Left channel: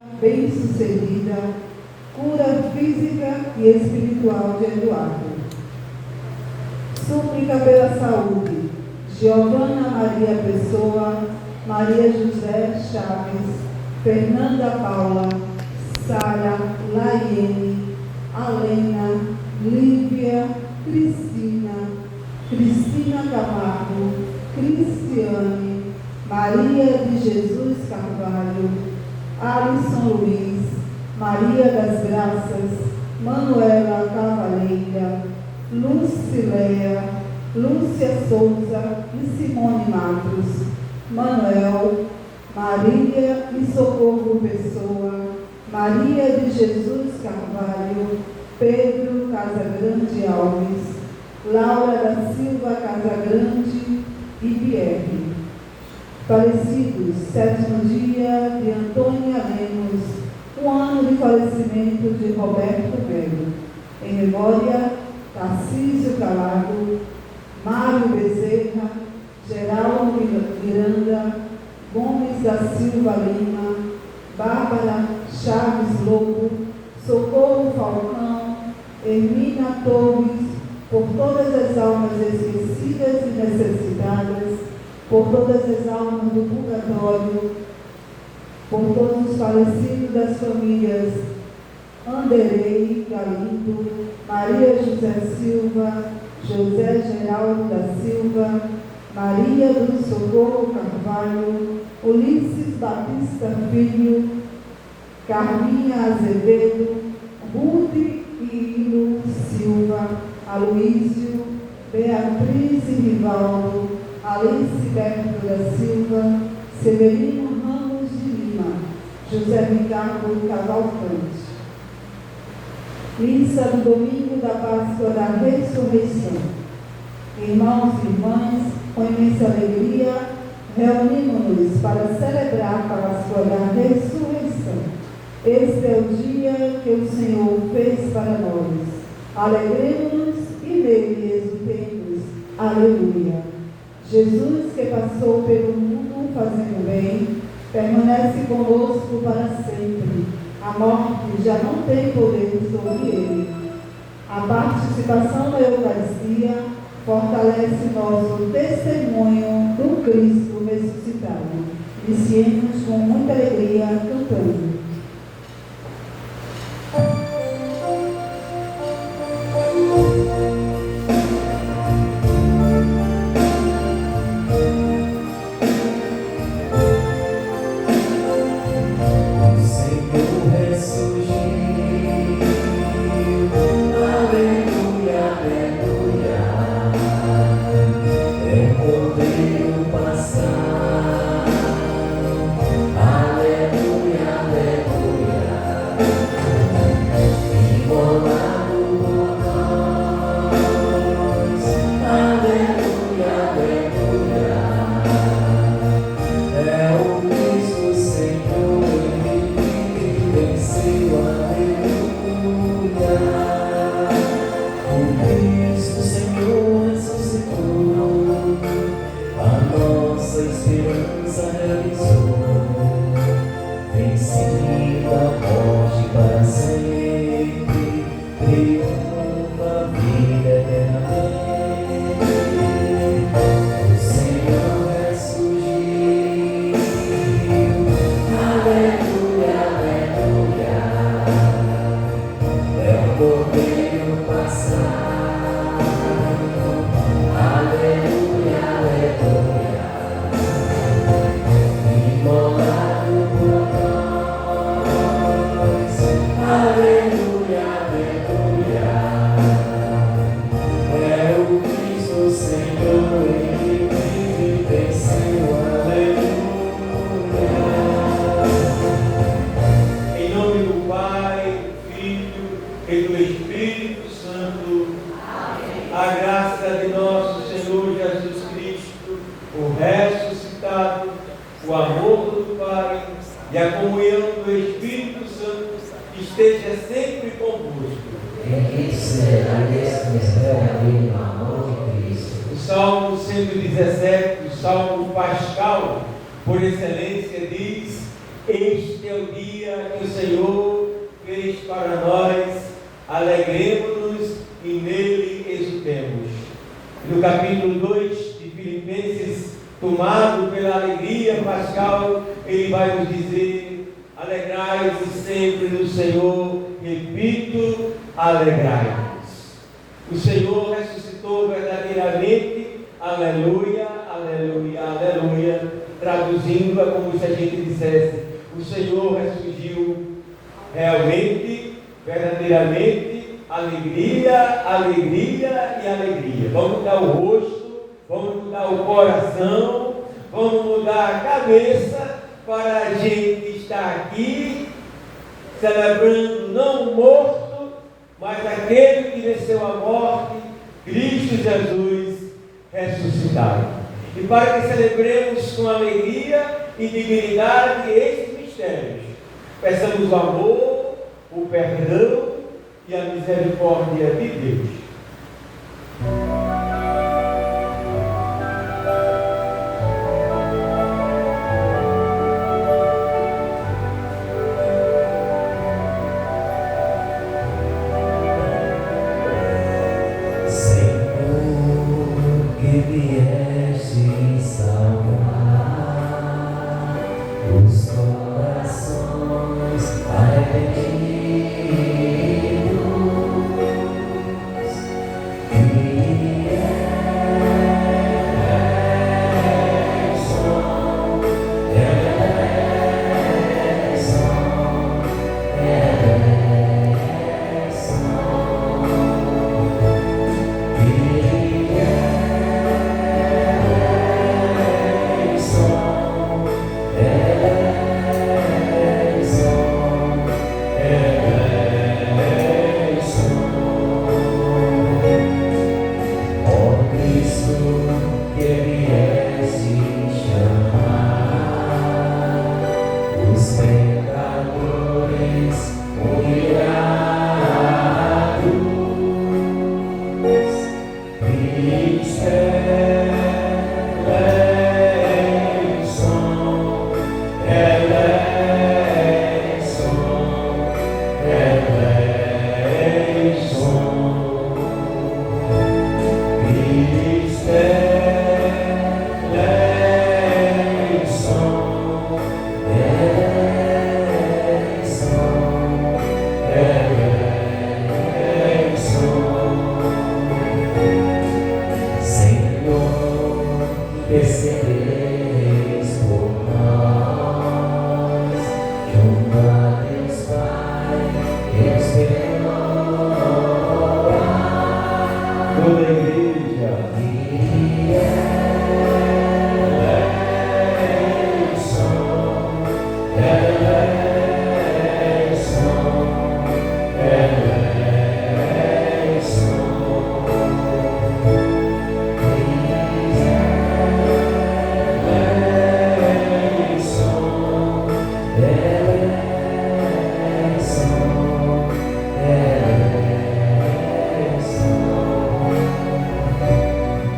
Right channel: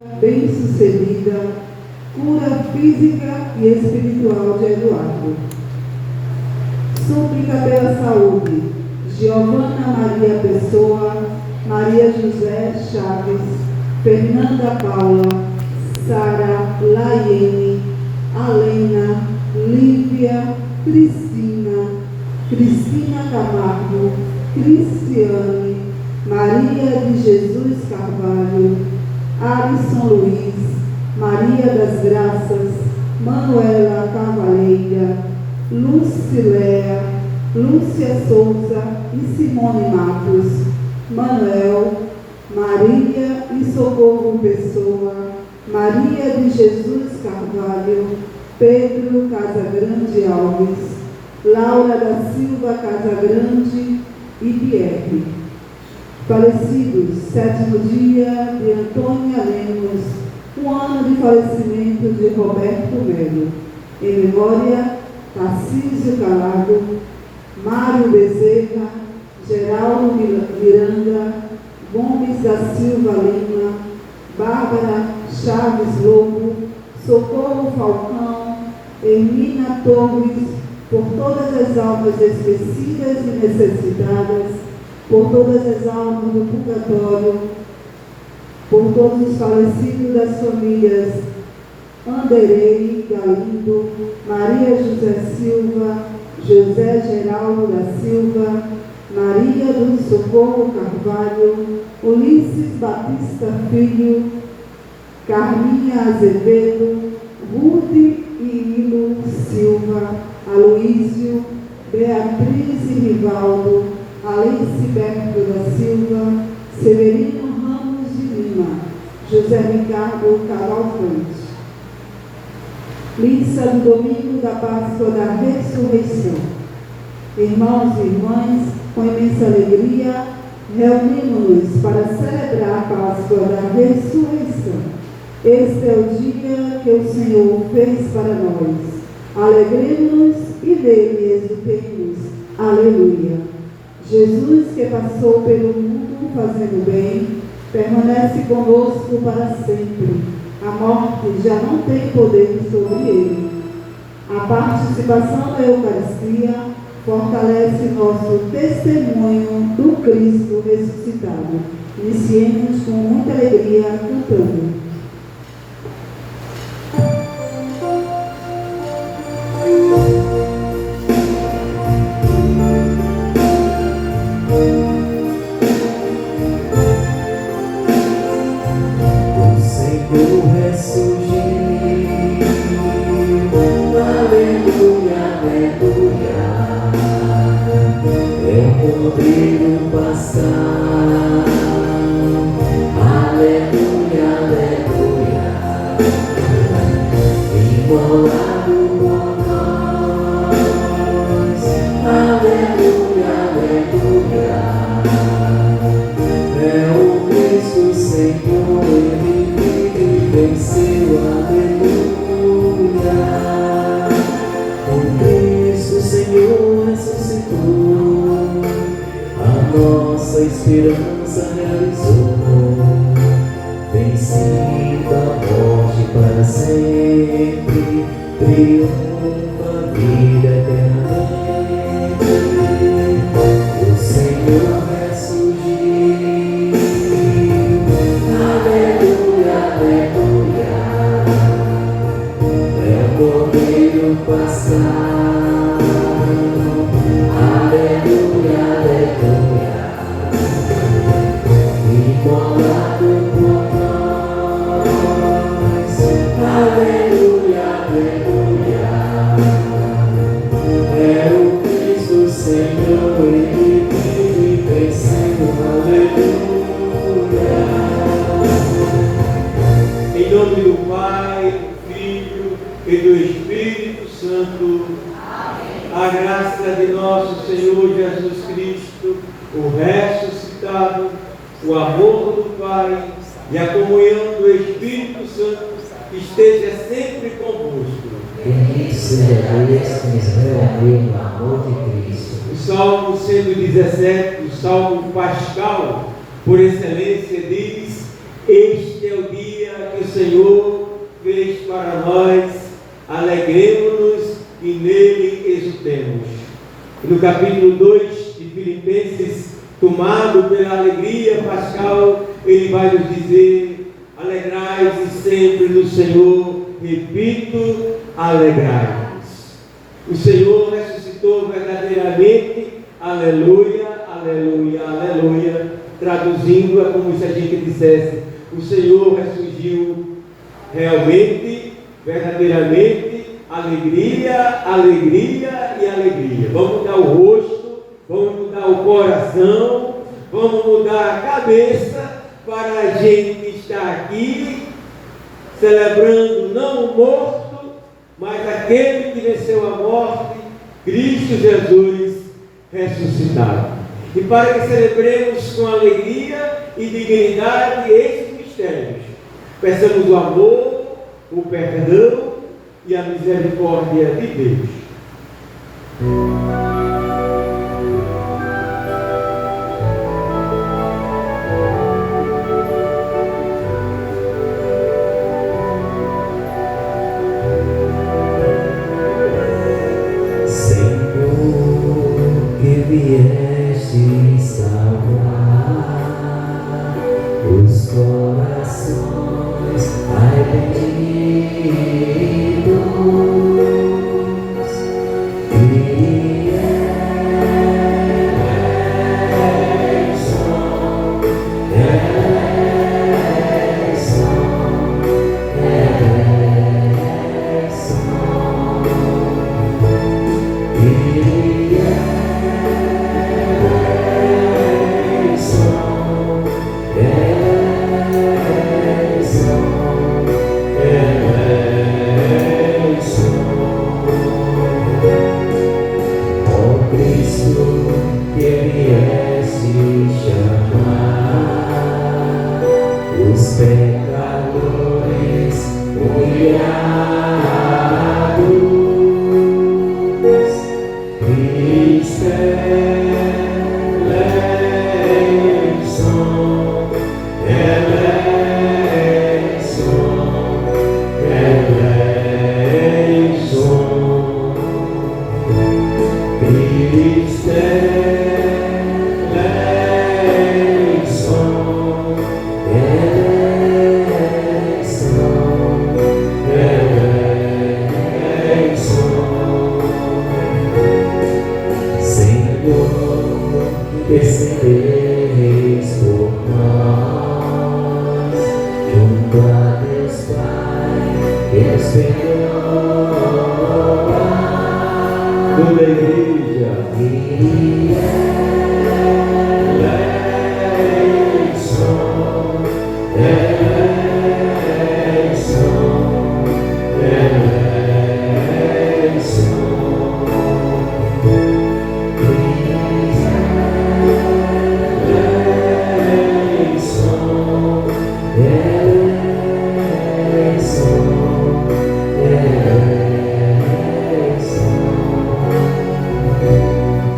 bem-sucedida, cura física e espiritual de Eduardo. Súplica pela saúde, Giovana Maria Pessoa, Maria José Chaves, Fernanda Paula, Sara Laiene, Alena, Lívia, Cristina, Cristina Camargo, Cristiane, Maria de Jesus Carvalho, Alisson Luiz, Maria das Graças, Manuela Cavaleira, Lucileia, Lúcia Souza e Simone Matos, Manuel, Maria e Socorro Pessoa, Maria de Jesus Carvalho, Pedro Casagrande Alves, Laura da Silva Casagrande e Pierre. Falecidos, 7º dia de Antônia Lemos, 1 ano de falecimento de Roberto Melo. Em memória, Tarcísio Calado, Mário Bezerra, Geraldo Miranda, Gomes da Silva Lima, Bárbara Chaves Lobo, Socorro Falcão, Hermina Torres, por todas as almas esquecidas e necessitadas, por todas as almas do purgatório, por todos os falecidos das famílias Anderei Galindo, Maria José Silva, José Geraldo da Silva, Maria do Socorro Carvalho, Ulisses Batista Filho, Carminha Azevedo, Ruth e Hilo Silva, Aloísio, Beatriz e Rivaldo, Aliceberto da Silva, Severino Ramos de Lima, José Ricardo Cavalcante. Missa do domingo da Páscoa da Ressurreição. Irmãos e irmãs, com imensa alegria, reunimos-nos para celebrar a Páscoa da Ressurreição. Este é o dia que o Senhor fez para nós. Alegremos-nos e nele exultemos. Aleluia. Jesus, que passou pelo mundo fazendo bem, permanece conosco para sempre. A morte já não tem poder sobre ele. A participação da Eucaristia fortalece nosso testemunho do Cristo ressuscitado. Iniciemos com muita alegria cantando. Salmo 117, o Salmo Pascal, por excelência, diz: Este é o dia Senhor fez para nós, alegremos-nos e nele exultemos. No capítulo 2 de Filipenses, tomado pela alegria pascal, ele vai nos dizer: alegrai-vos sempre no Senhor, repito, alegrai-vos. O Senhor ressuscitou verdadeiramente, aleluia, aleluia, aleluia, traduzindo-a como se a gente dissesse: o Senhor ressurgiu realmente, verdadeiramente, alegria, alegria e alegria. Vamos mudar o rosto, vamos mudar o coração, vamos mudar a cabeça para a gente estar aqui celebrando não o morto, mas aquele que venceu a morte, Cristo Jesus ressuscitado. E para que celebremos com alegria e dignidade estes mistérios, peçamos o amor, o perdão e a misericórdia de Deus. Vieste salvar os corações arrependidos, e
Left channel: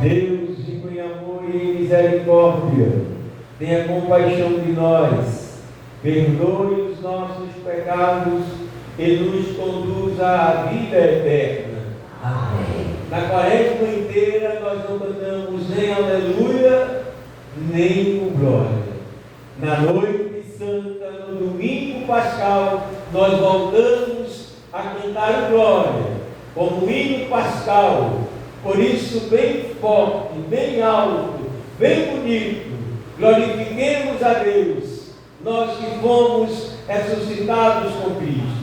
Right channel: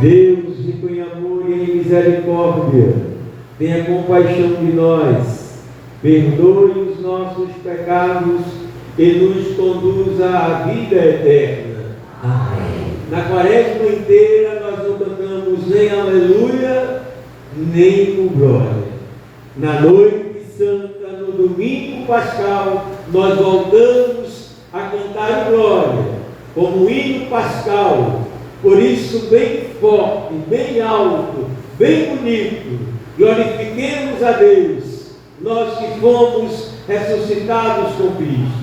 Deus, rico em amor e em misericórdia, tenha compaixão de nós, perdoe os nossos pecados e nos conduza à vida eterna. Amém. Na quaresma inteira nós não cantamos nem aleluia, nem o glória. Na noite santa, no domingo pascal, nós voltamos a cantar glória, como hino pascal. Por isso, bem forte, bem alto, bem bonito, glorifiquemos a Deus, nós que fomos ressuscitados com Cristo.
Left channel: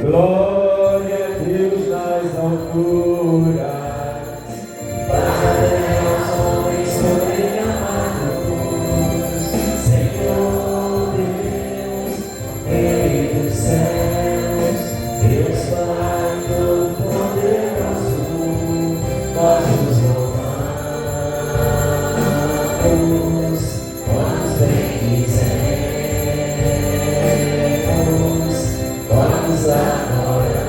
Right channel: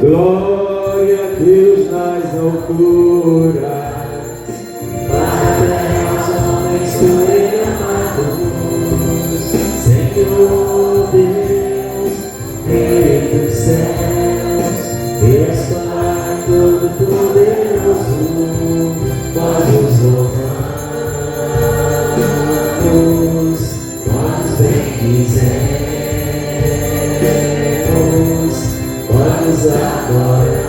Glória a Deus nas alturas. Vamos agora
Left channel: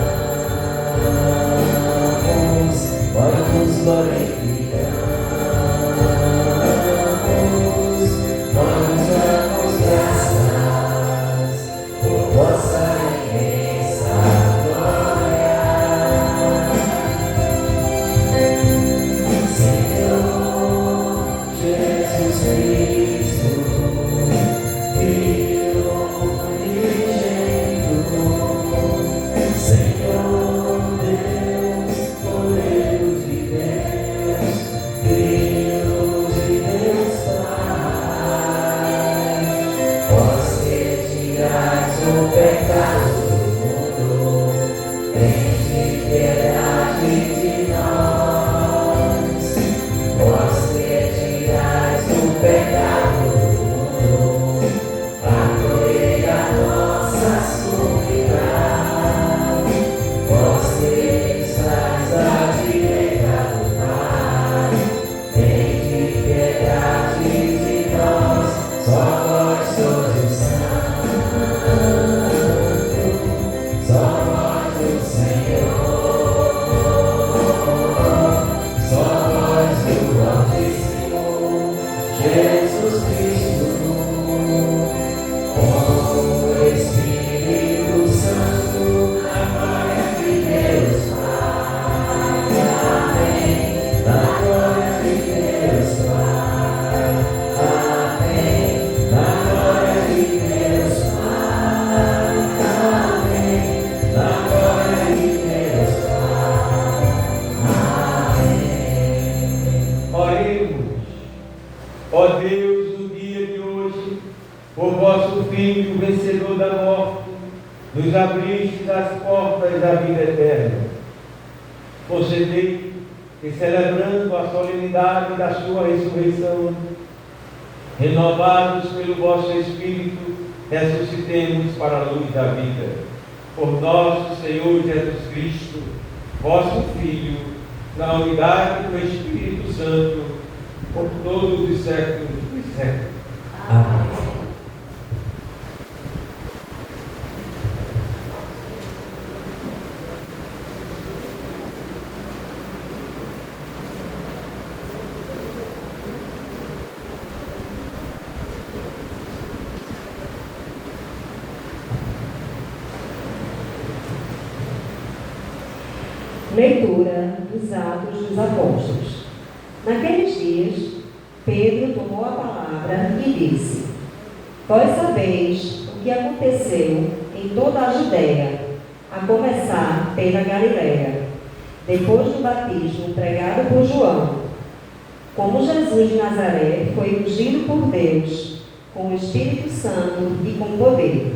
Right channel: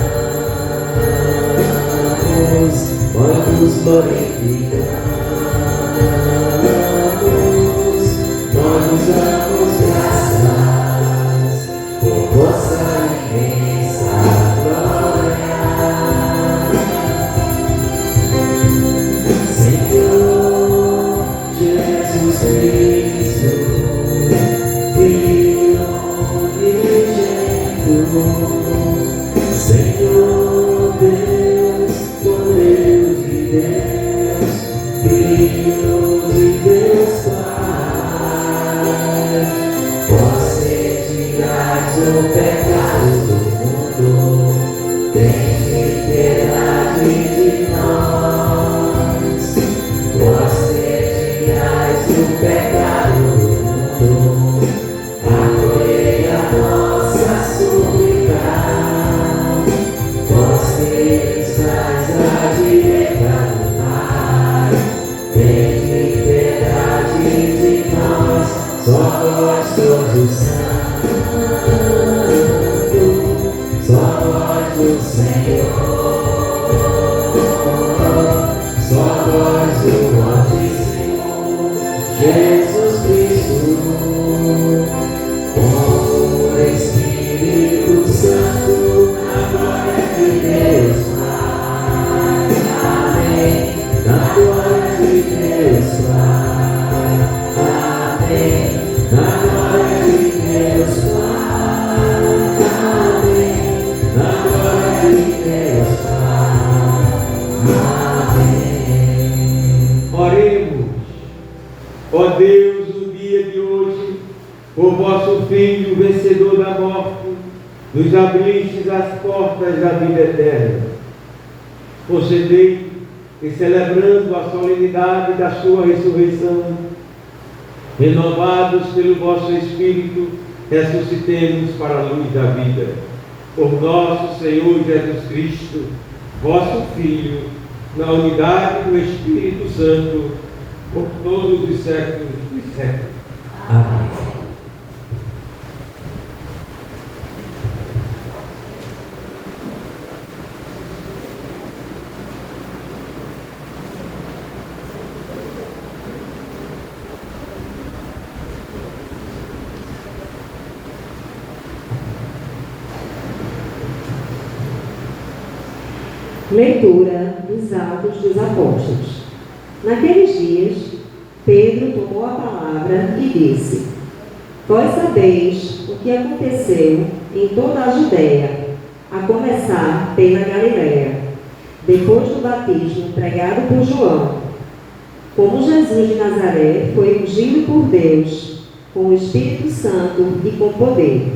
Renovados pelo vosso Espírito, ressuscitemos para a luz da vida. Por nosso Senhor Jesus Cristo, vosso Filho, na unidade do Espírito Santo, por todos os séculos dos séculos. Amém. Leitura dos Atos dos Apóstolos. Naqueles dias, Pedro tomou a palavra e disse: Vós sabeis o que aconteceu em toda a Judéia, a começar pela Galiléia, depois do batismo pregado por João. Como Jesus de Nazaré foi ungido por Deus, com o Espírito Santo e com poder.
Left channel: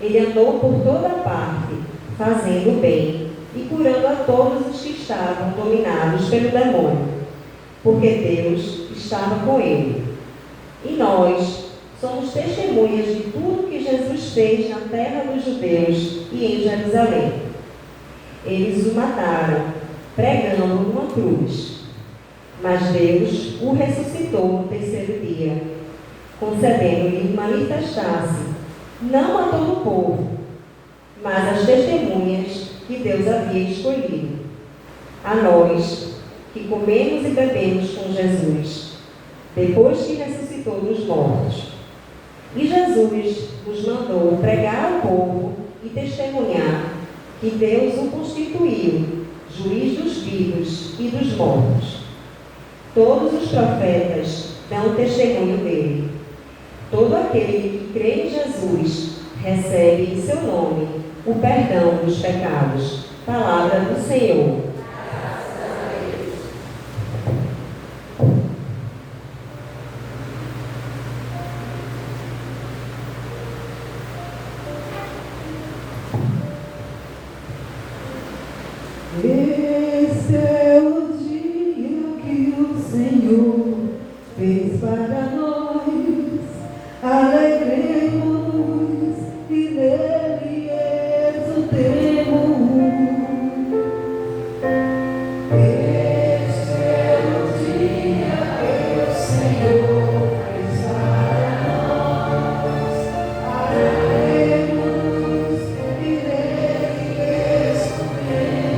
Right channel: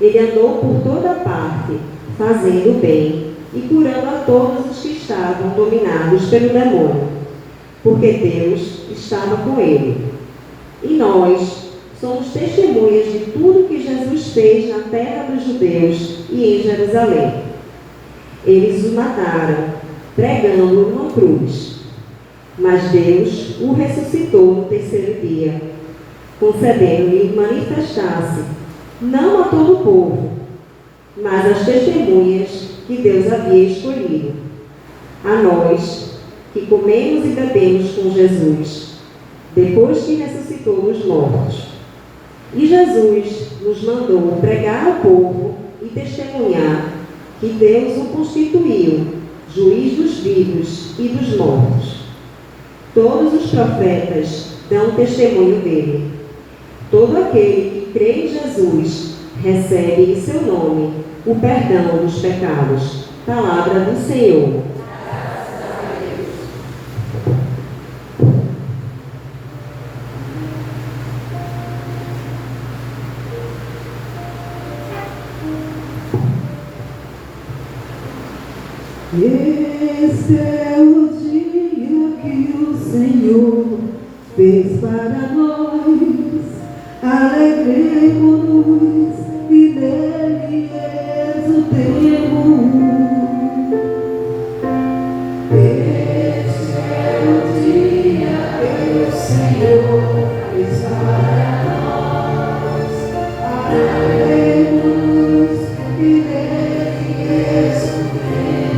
Ele andou por toda parte, fazendo bem e curando a todos os que estavam dominados pelo demônio, porque Deus estava com ele. E nós somos testemunhas de tudo que Jesus fez na terra dos judeus e em Jerusalém. Eles o mataram, pregando numa cruz. Mas Deus o ressuscitou no terceiro dia, concedendo-lhe manifestar-se, não a todo o povo, mas às testemunhas que Deus havia escolhido, a nós que comemos e bebemos com Jesus, depois que ressuscitou dos mortos. E Jesus nos mandou pregar ao povo e testemunhar que Deus o constituiu juiz dos vivos e dos mortos. Todos os profetas dão testemunho dele. Todo aquele que crê em Jesus recebe em seu nome o perdão dos pecados. Palavra do Senhor. Este é o dia que o Senhor fez para nós. Alegremos-nos e dele exultemos. Este é o dia que o Senhor fez para nós. Alegremos e dele exultemos.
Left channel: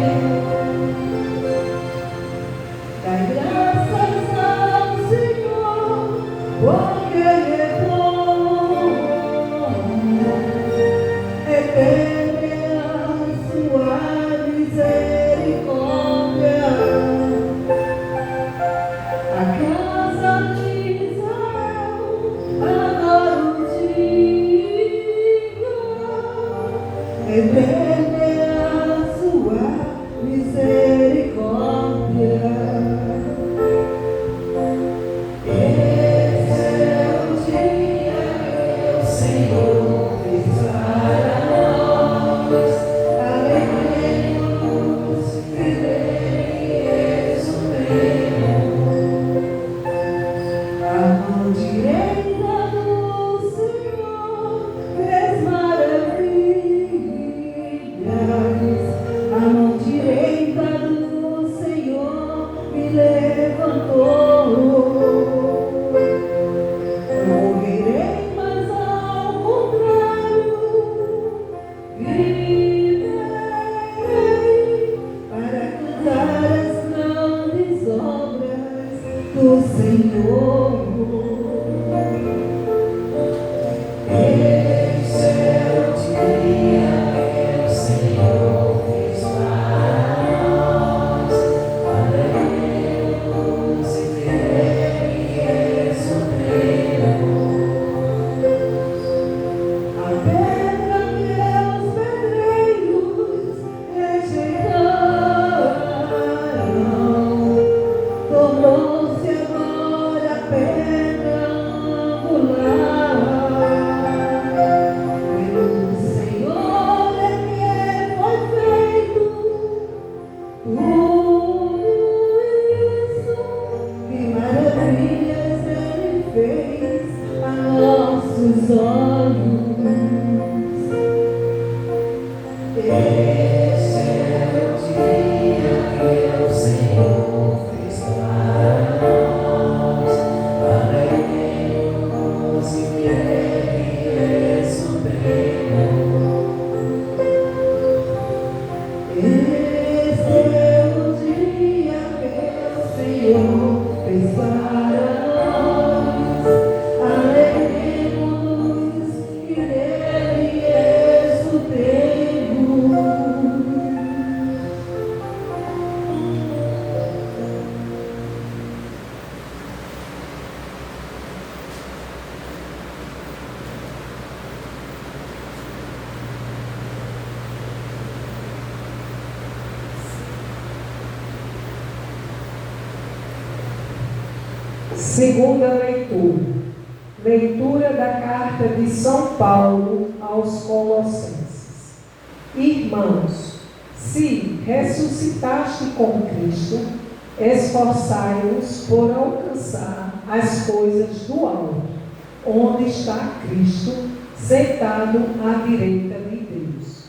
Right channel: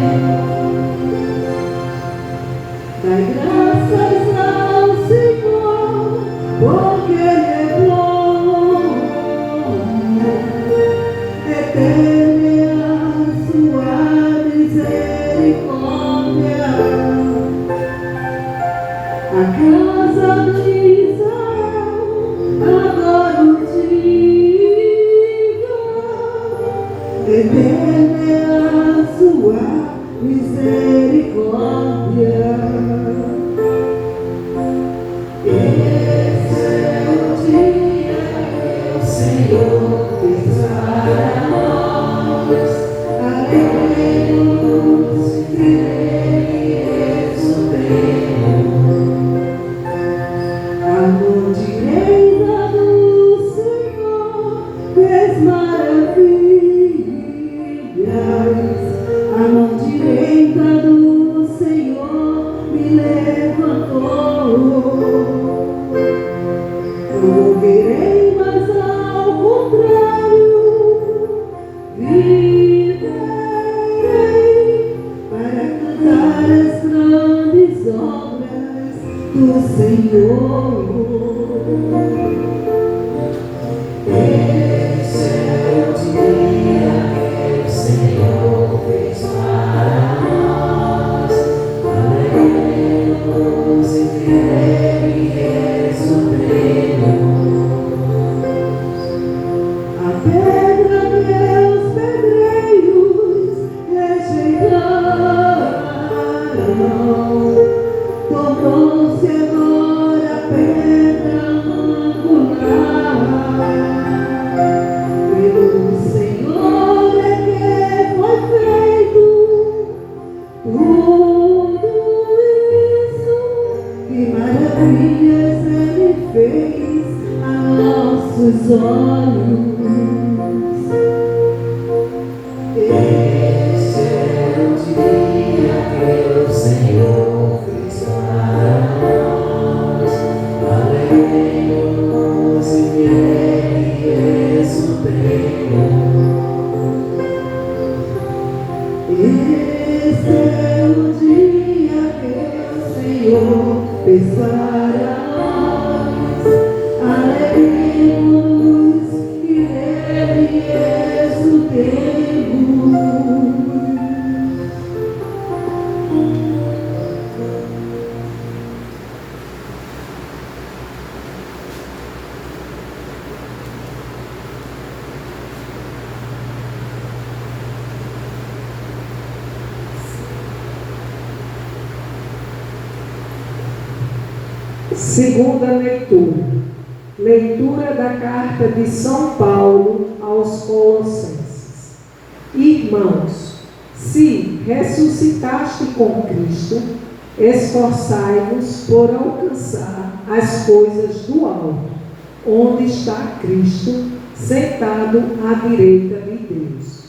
Segunda leitura. Leitura da carta de São Paulo aos Colossenses. Irmãos, se ressuscitaste com Cristo, esforçai-vos por alcançar as coisas do alto, onde está Cristo, sentado à direita de Deus.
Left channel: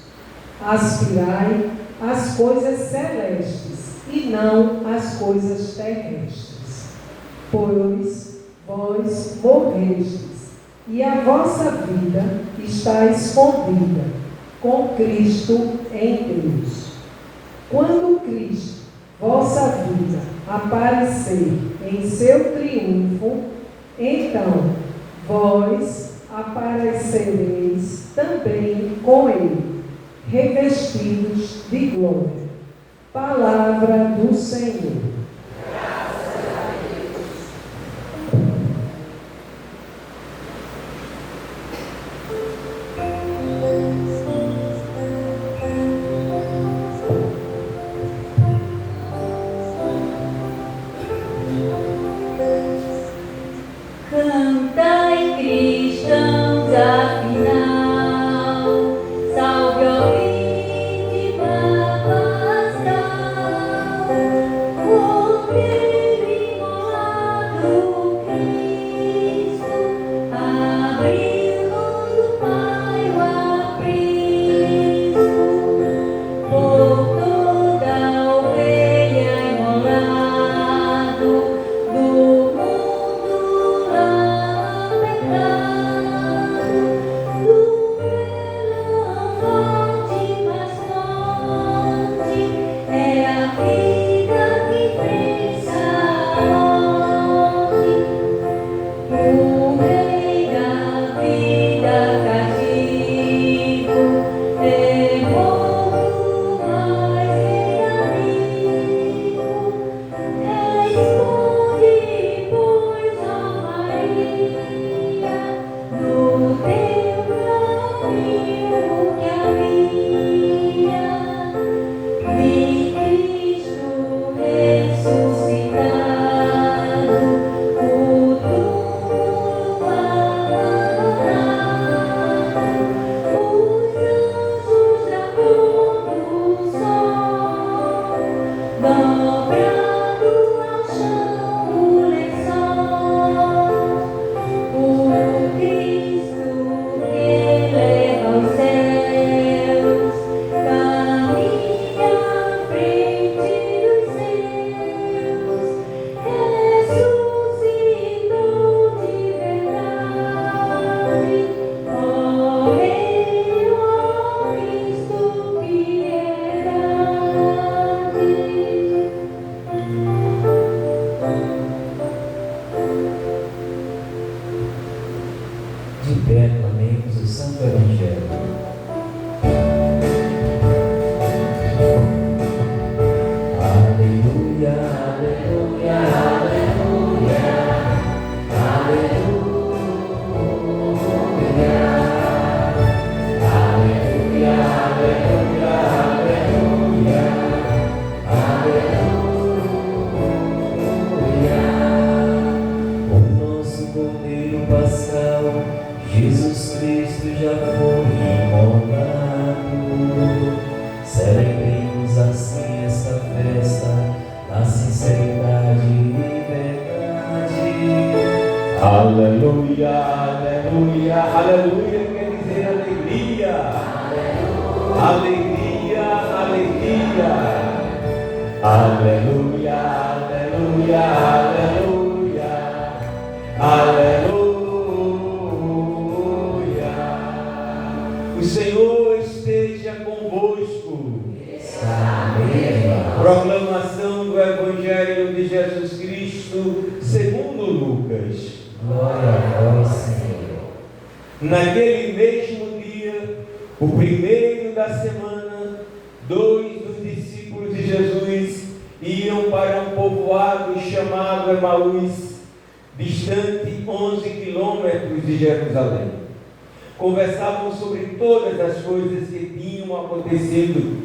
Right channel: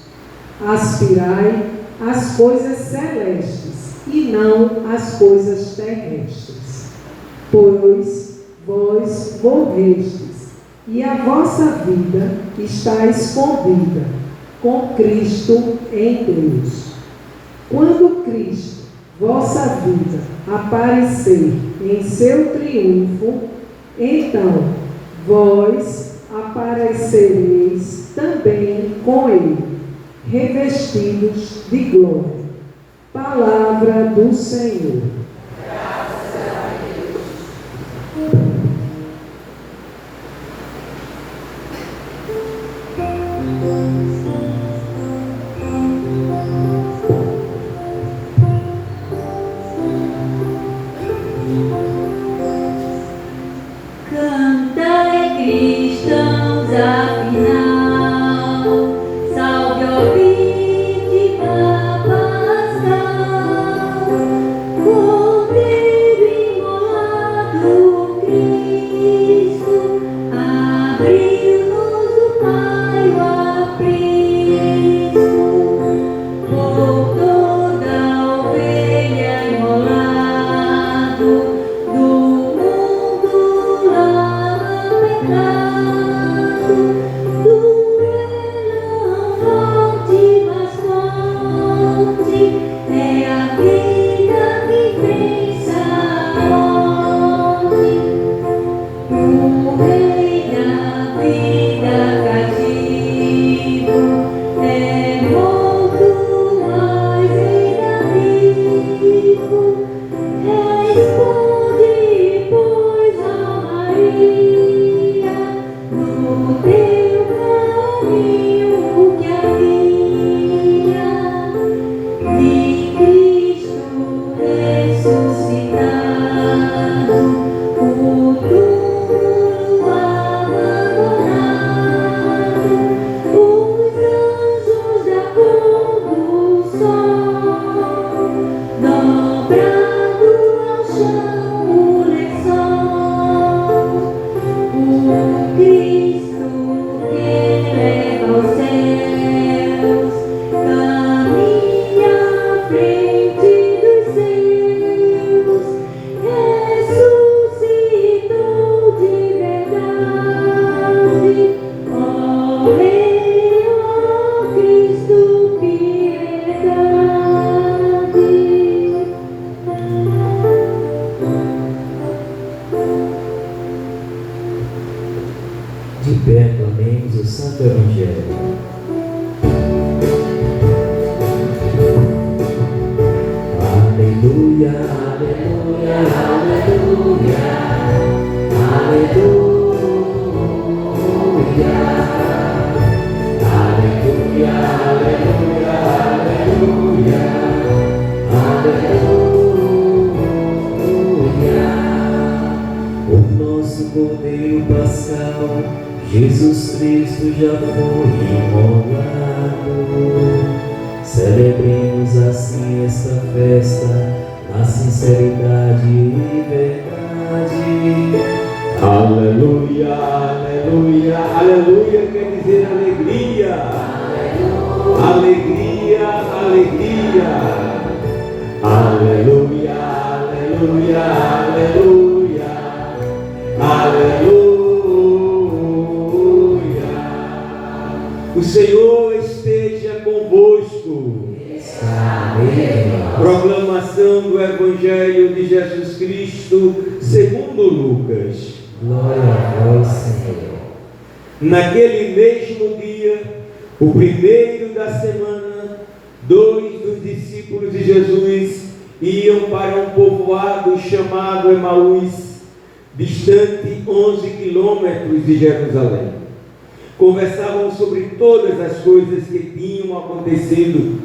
Aspirai às coisas celestes e não às coisas terrestres. Pois vós morrestes, e a vossa vida está escondida com Cristo em Deus. Quando Cristo, vossa vida, aparecer em seu triunfo, então vós aparecereis também com ele, revestidos de glória. Palavra do Senhor. Oh já foi imolado. Celebremos assim esta festa na sinceridade e verdade. Aleluia, aleluia, aleluia quer dizer alegria. Alegria, alegria. Aleluia, aleluia, aleluia. Aleluia. O Senhor esteja convosco. Proclamação do Evangelho de Jesus Cristo segundo Lucas. Glória a vós, Senhor. Naquele mesmo dia, o primeiro da semana, 2 dos discípulos de Jesus iam para um povoado chamado Emaús, distante 11 quilômetros de Jerusalém. Conversavam sobre todas as coisas que tinham acontecido.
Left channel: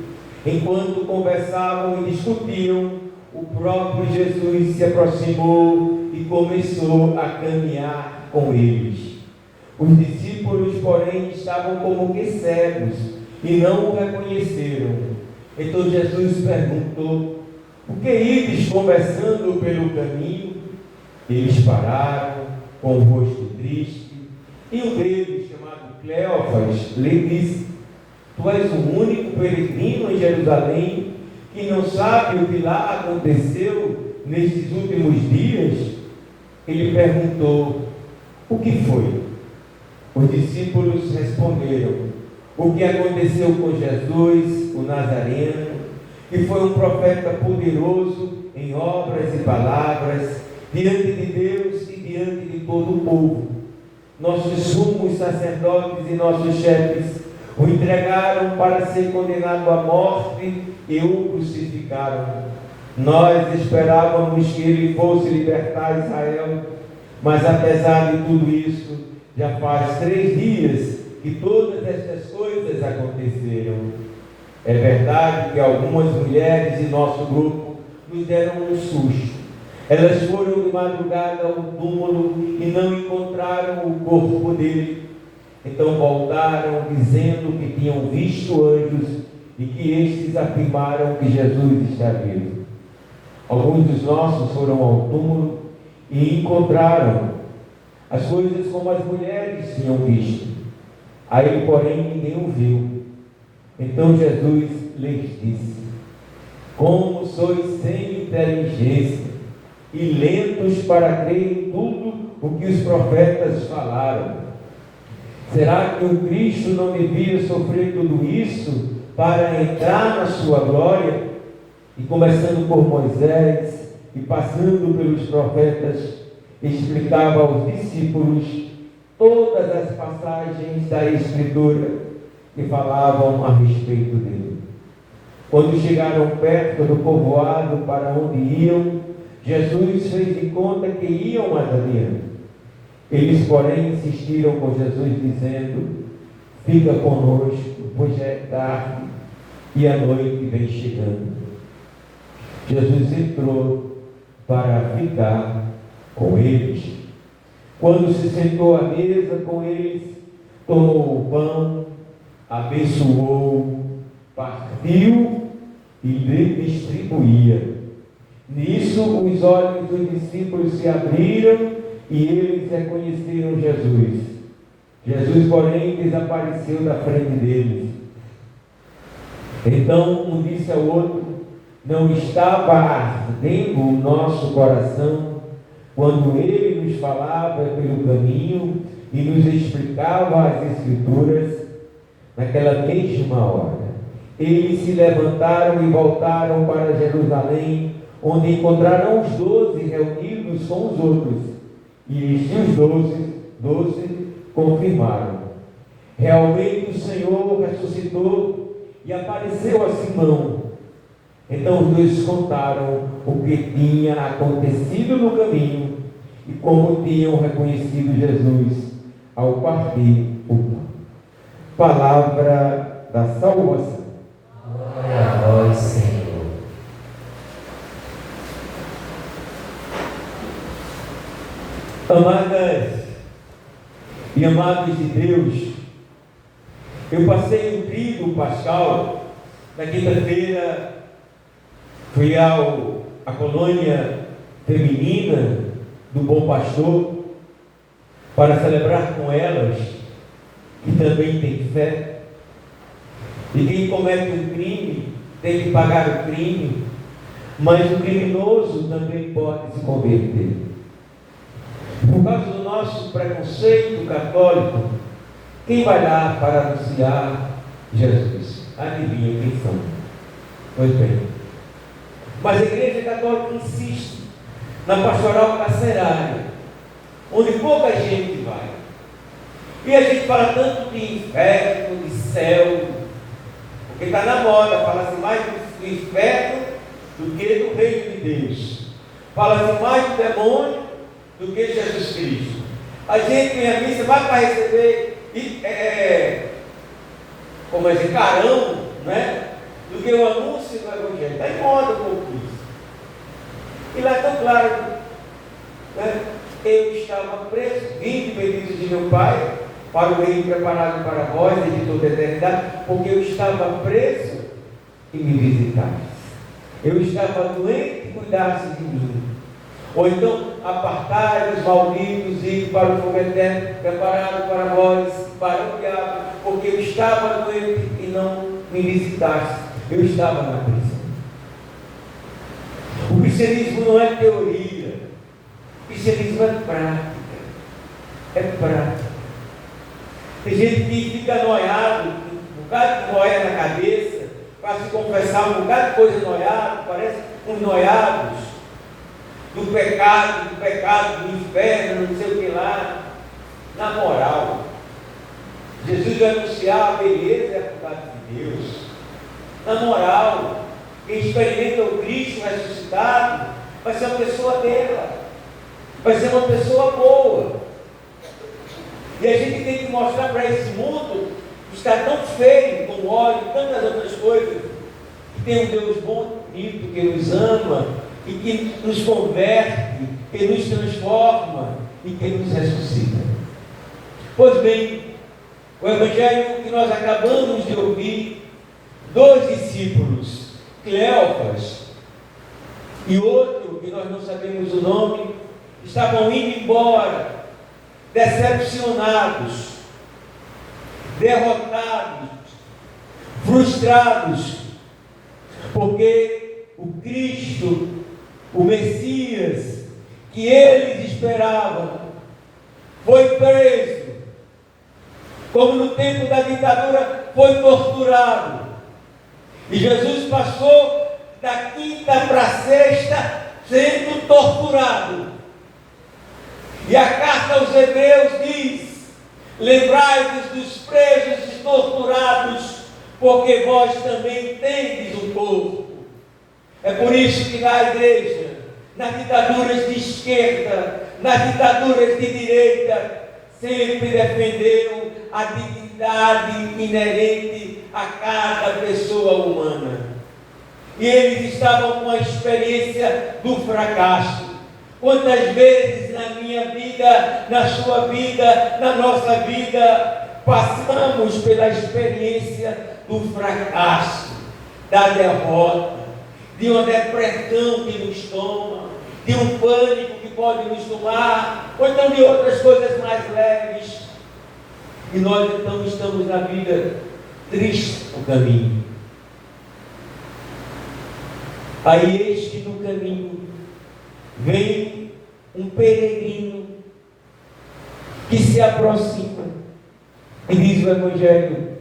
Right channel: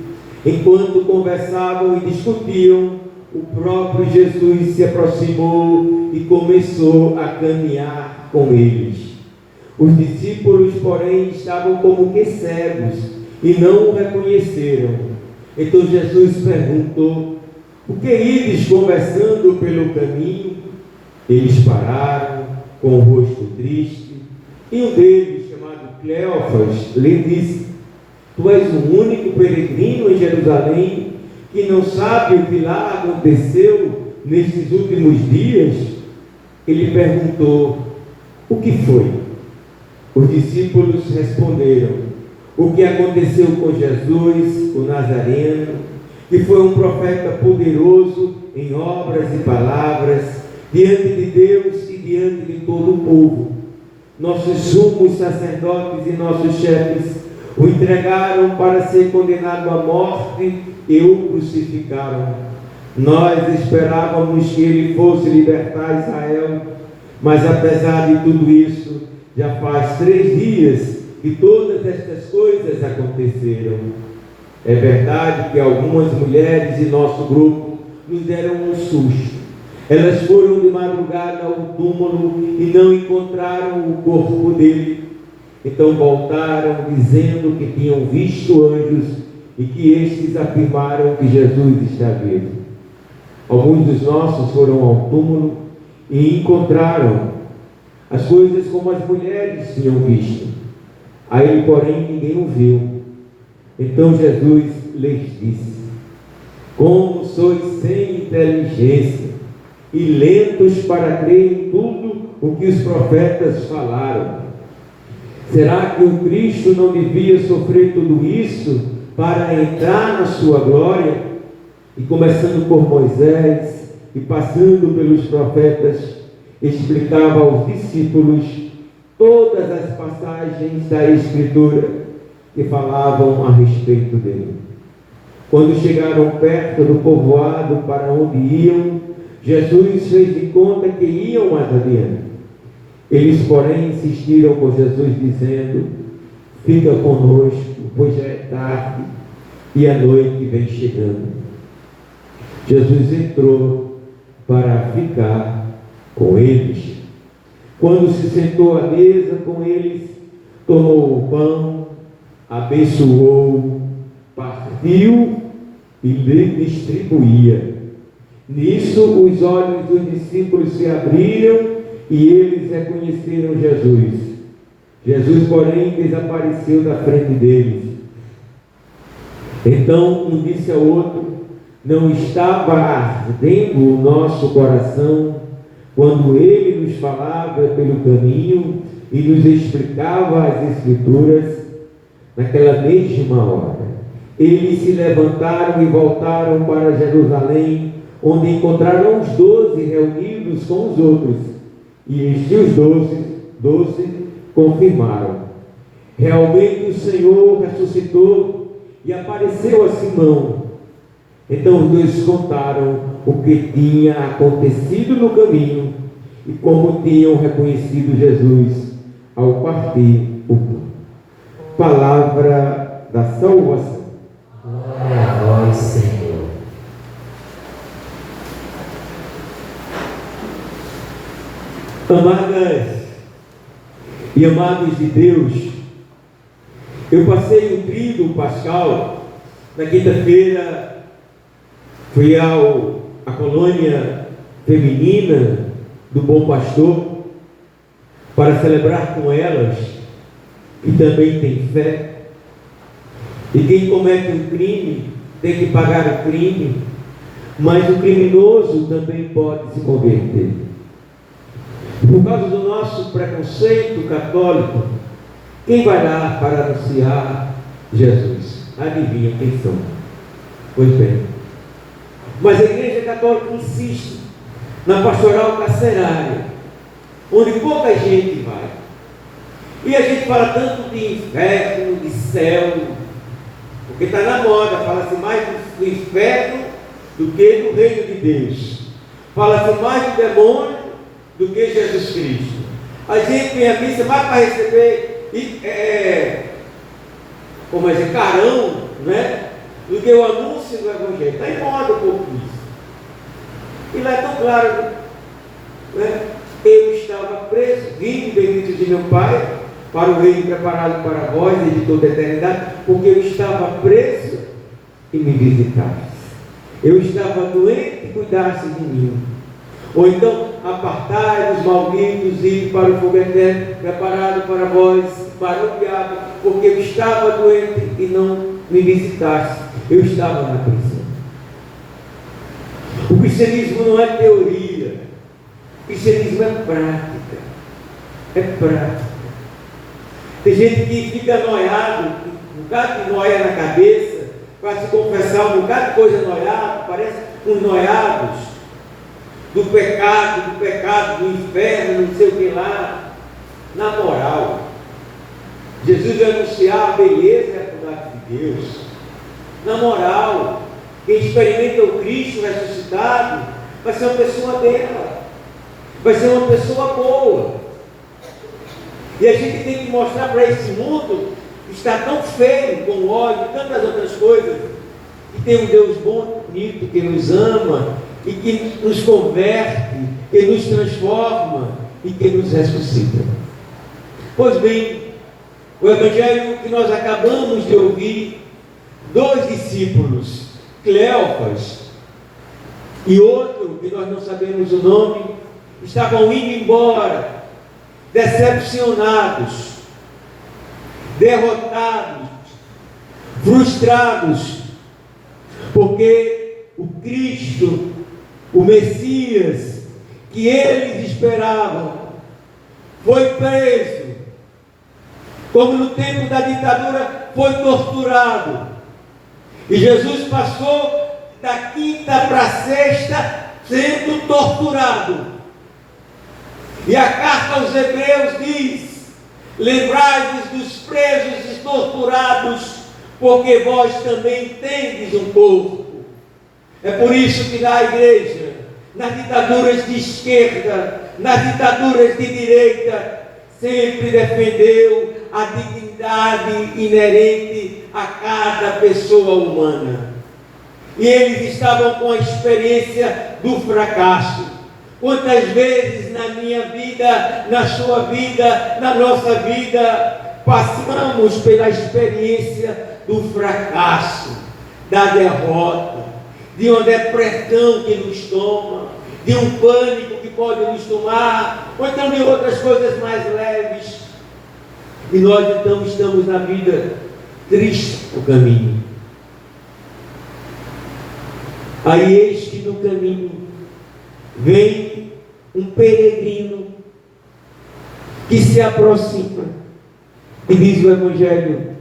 Enquanto conversavam e discutiam, o próprio Jesus se aproximou e começou a caminhar com eles. Os discípulos, porém, estavam como que cegos e não o reconheceram. Então Jesus perguntou: o que ides conversando pelo caminho? Eles pararam com o rosto triste, e um deles, chamado Cleófas, lhe disse: tu és o único peregrino em Jerusalém que não sabe o que lá aconteceu nestes últimos dias? Ele perguntou: o que foi? Os discípulos responderam: o que aconteceu com Jesus, o Nazareno, que foi um profeta poderoso em obras e palavras, diante de Deus e diante de todo o povo. Nossos sumos sacerdotes e nossos chefes o entregaram para ser condenado à morte e o crucificaram. Nós esperávamos que ele fosse libertar Israel, mas apesar de tudo isso, já faz 3 dias que todas estas coisas aconteceram. É verdade que algumas mulheres de nosso grupo nos deram um susto. Elas foram de madrugada ao túmulo e não encontraram o corpo dele. Então voltaram dizendo que tinham visto anjos e que estes afirmaram que Jesus está vivo. Alguns dos nossos foram ao túmulo e encontraram as coisas como as mulheres tinham visto. A ele, porém, ninguém o viu. Então Jesus lhes disse: como sois sem inteligência e lentos para crer em tudo o que os profetas falaram. Será que o Cristo não devia sofrer tudo isso para entrar na sua glória? E começando por Moisés e passando pelos profetas, explicava aos discípulos todas as passagens da Escritura que falavam a respeito dele. Quando chegaram perto do povoado para onde iam, Jesus fez de conta que iam mais adiante. Eles, porém, insistiram com Jesus, dizendo: fica conosco, pois já é tarde e a noite vem chegando. Jesus entrou para ficar com eles. Quando se sentou à mesa com eles, tomou o pão, abençoou, partiu e lhe distribuía. Nisso os olhos dos discípulos se abriram e eles reconheceram Jesus. Jesus, porém, desapareceu da frente deles. Então um disse ao outro: não estava ardendo o nosso coração quando ele nos falava pelo caminho e nos explicava as Escrituras? Naquela mesma hora, eles se levantaram e voltaram para Jerusalém, onde encontraram os 12 reunidos com os outros. E estes 12 confirmaram: realmente o Senhor ressuscitou e apareceu a Simão. Então os dois contaram o que tinha acontecido no caminho e como tinham reconhecido Jesus ao partir o pão. Palavra da salvação. Glória a vós, Senhor. Amadas e amados de Deus, Eu passei um tríduo pascal, na quinta-feira fui à colônia feminina do Bom Pastor para celebrar com elas, que também têm fé. E quem comete um crime tem que pagar o crime, mas o criminoso também pode se converter. Por causa do nosso preconceito católico, quem vai lá para anunciar Jesus? Adivinha quem são? Pois bem. Mas a Igreja Católica insiste na pastoral carcerária, onde pouca gente vai. E a gente fala tanto de inferno, de céu, porque está na moda, fala-se mais do inferno do que do reino de Deus. Fala-se mais do demônio do que Jesus Cristo. A gente vem à missa mais para receber como é dizer, carão, né? Do que o anúncio do Evangelho. Está em moda um pouco isso. E lá é tão claro, né? Eu estava preso, vinde bendito de meu Pai, para o reino preparado para vós de toda a eternidade, porque eu estava preso e me visitaste. Eu estava doente e cuidaste de mim. Ou então, apartai os malditos e para o fogo eterno preparado para vós, para o diabo, porque eu estava doente e não me visitaste. Eu estava na prisão. O cristianismo não é teoria, o cristianismo é prática. É prática. Tem gente que fica noiado, um bocado de noia na cabeça, para se confessar um bocado de coisa noiada, parece uns noiados do pecado, do inferno, não sei o que lá. Na moral, Jesus vai anunciar a beleza e a bondade de Deus. Na moral, quem experimenta o Cristo ressuscitado vai ser uma pessoa dela, vai ser uma pessoa boa. E a gente tem que mostrar para esse mundo que está tão feio, com ódio, tantas outras coisas, que tem um Deus bom, bonito, que nos ama e que nos converte, que nos transforma e que nos ressuscita. Pois bem, o Evangelho que nós acabamos de ouvir, dois discípulos, Cleófas e outro, que nós não sabemos o nome, estavam indo embora, decepcionados, derrotados, frustrados, porque o Cristo, o Messias, que eles esperavam, foi preso, como no tempo da ditadura, foi torturado. E Jesus passou da quinta para a sexta sendo torturado. E a carta aos Hebreus diz: lembrai-vos dos presos e torturados, porque vós também tendes um corpo. É por isso que na igreja, nas ditaduras de esquerda, nas ditaduras de direita, sempre defendeu a dignidade inerente a cada pessoa humana. E eles estavam com a experiência do fracasso. Quantas vezes na minha vida, na sua vida, na nossa vida, passamos pela experiência do fracasso, da derrota, de uma depressão que nos toma, de um pânico que pode nos tomar, ou então de outras coisas mais leves. E nós então estamos na vida triste o caminho. Aí eis que no caminho vem um peregrino que se aproxima e diz o Evangelho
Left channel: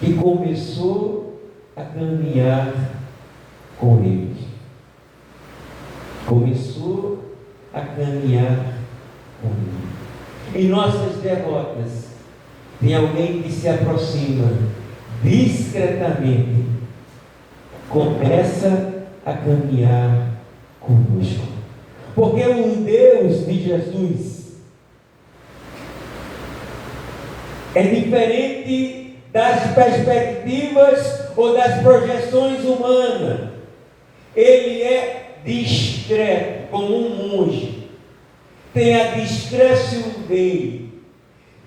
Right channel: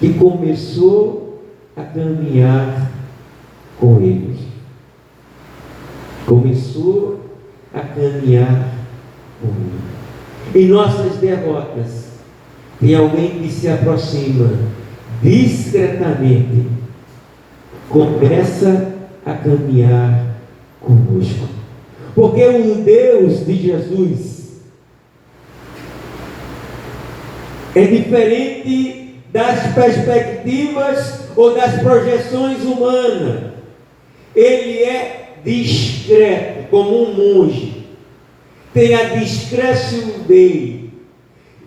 que começou a caminhar com eles. Começou a caminhar com ele. Em nossas derrotas, tem alguém que se aproxima discretamente, começa a caminhar conosco. Porque o Deus de Jesus é diferente das perspectivas ou das projeções humanas. Ele é discreto, como um monge. Tem a discrição dele.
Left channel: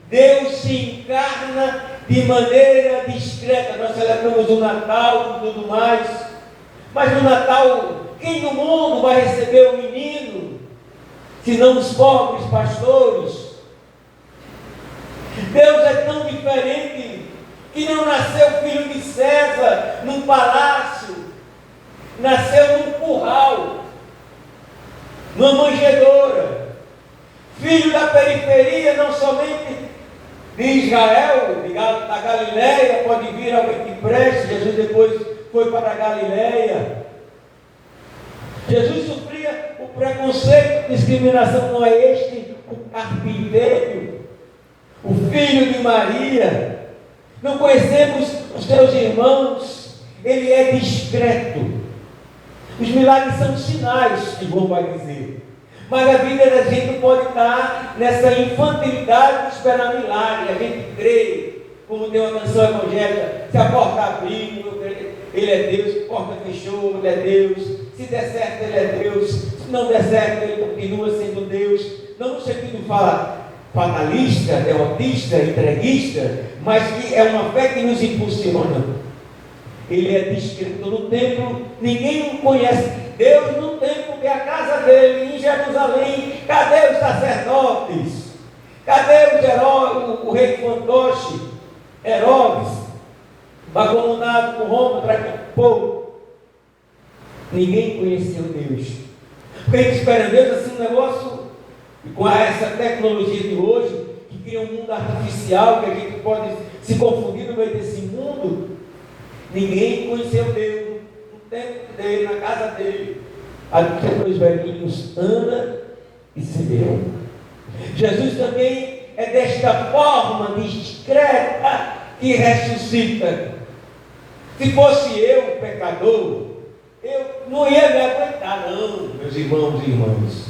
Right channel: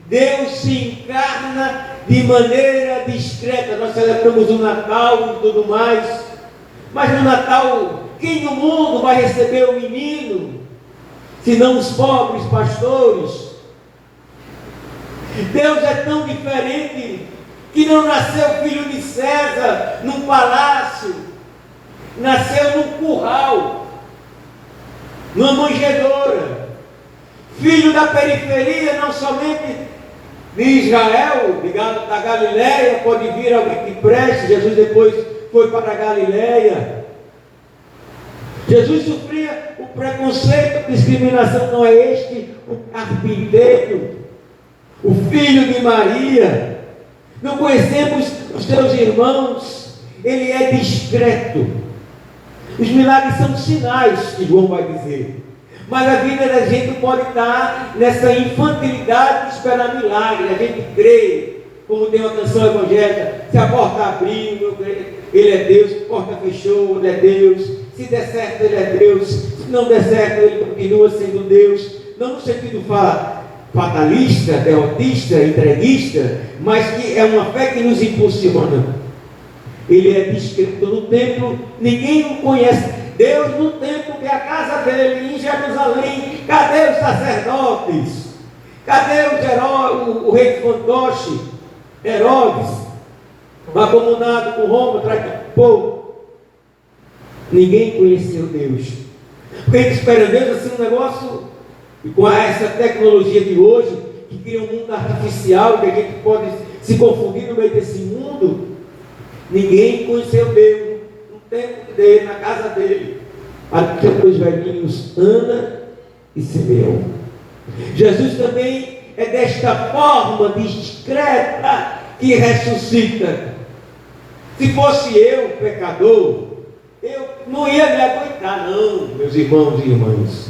Deus se encarna de maneira discreta. Nós celebramos o Natal e tudo mais, mas no Natal, quem no mundo vai receber o menino, senão os pobres pastores? Deus é tão diferente que não nasceu filho de César num palácio, nasceu num curral, numa manjedoura, filho da periferia, não somente de Israel, da Galileia. Pode vir alguém que preste. Jesus depois foi para a Galileia. Jesus sofria o preconceito, a discriminação. Não é este o carpinteiro, o filho de Maria? Não conhecemos os seus irmãos? Ele é discreto. Os milagres são sinais, que João vai dizer. Mas a vida da gente pode estar nessa infantilidade de esperar milagre. A gente crê, como tem uma canção evangélica: se a porta abriu, eu creio, Ele é Deus. Se a porta fechou, Ele é Deus. Se der certo, Ele é Deus. Se não der certo, Ele continua sendo Deus. Não no sentido fatalista, derrotista, entreguista, mas que é uma fé que nos impulsiona. Ele é discreto no templo, ninguém o conhece. Deus no templo, que é a casa dele, em Jerusalém. Cadê os sacerdotes? Cadê os heróis, o rei fantoche, Herodes, mancomunado com Roma, atrás do povo? Ninguém conheceu Deus. Porque a gente espera Deus assim, um negócio, e com essa tecnologia de hoje, que cria um mundo artificial, que a gente pode se confundir no meio desse mundo. Ninguém conheceu Deus no tempo dele, na casa dele. Aqui os velhinhos Ana e Simeão. Jesus também é desta forma discreta que ressuscita. Se fosse eu, pecador, eu não ia me aguentar, não, meus irmãos e irmãs.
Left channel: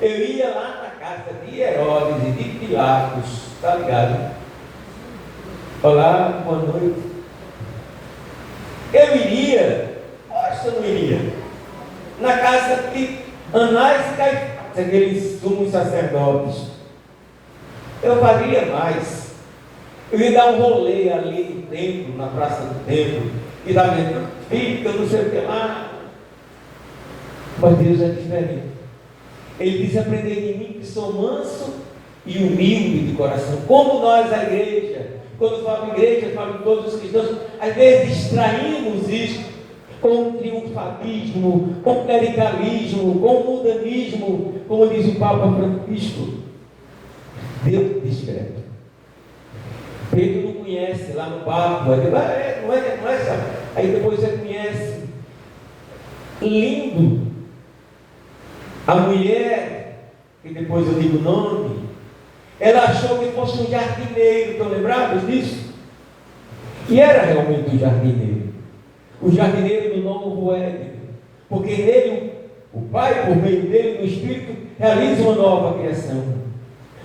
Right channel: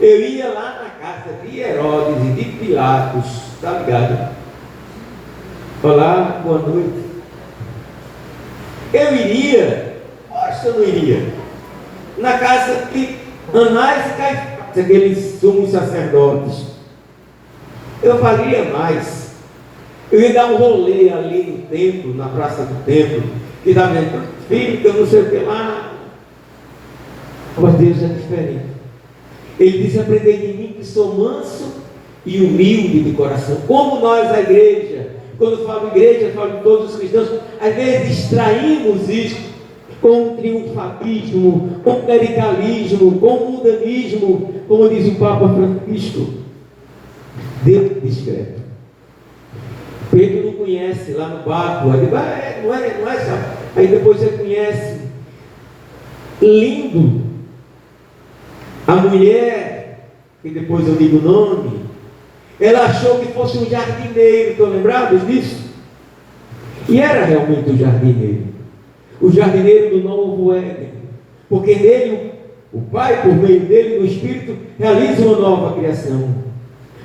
Eu ia lá na casa de Herodes e de Pilatos, tá ligado? Falar boa noite. Eu iria, acho que eu não iria, na casa de Anás e Caifás, aqueles sumos sacerdotes. Eu faria mais. Eu ia dar um rolê ali no templo, na praça do templo, e dar dizendo: filho, que eu não sei o que lá. Mas Deus é diferente. Ele diz: aprendei de mim que sou manso e humilde de coração. Como nós, a igreja, quando falo igreja, falo de todos os cristãos, às vezes distraímos isso com o triunfalismo, com o clericalismo, com o mundanismo, como diz o Papa Francisco. Deus é discreto. Pedro não conhece lá no barco, não é, sabe? Aí depois você conhece. Lindo. A mulher, que depois eu digo o nome, ela achou que fosse um jardineiro. Estão lembrados disso? E era realmente um jardineiro. O jardineiro do novo Éden. Porque nele, o Pai, por meio dele, no Espírito, realiza uma nova criação.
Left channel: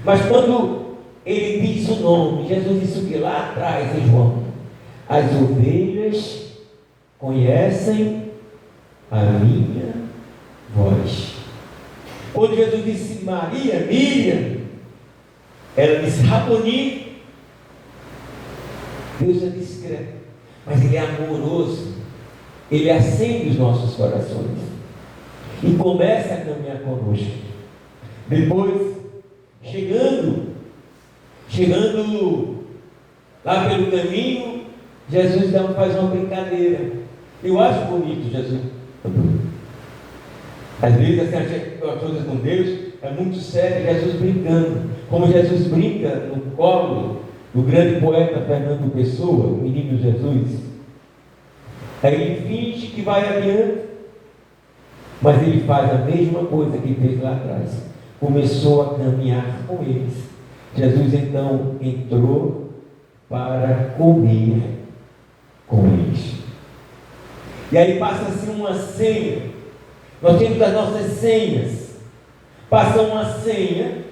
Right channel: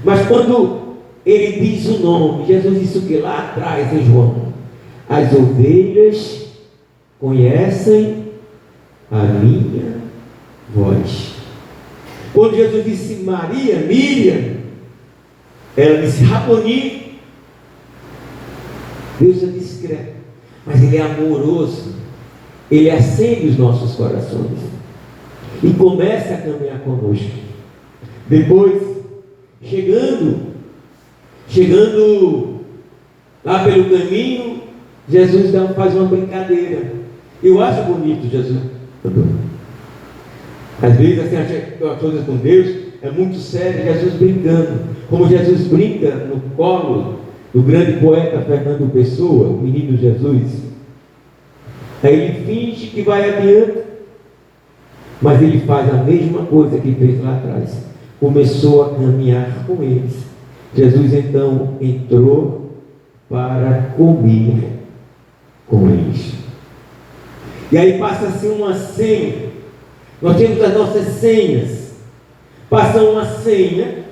Mas quando ele diz o nome, Jesus disse o que lá atrás em João: as ovelhas conhecem a minha voz. Quando Jesus disse Maria, Miriam, ela disse Raboni. Deus é discreto, mas Ele é amoroso. Ele acende os nossos corações e começa a caminhar conosco. Depois, chegando lá pelo caminho, Jesus faz uma brincadeira. Eu acho bonito Jesus. Às vezes assim, as coisas com Deus é muito sério. Jesus brincando, como Jesus brinca no colo do grande poeta Fernando Pessoa, o menino Jesus. Aí ele finge que vai adiante, mas ele faz a mesma coisa que fez lá atrás. Começou a caminhar com eles. Jesus então entrou para comer com eles. E aí passa-se uma senha. Nós temos as nossas senhas. Passa uma senha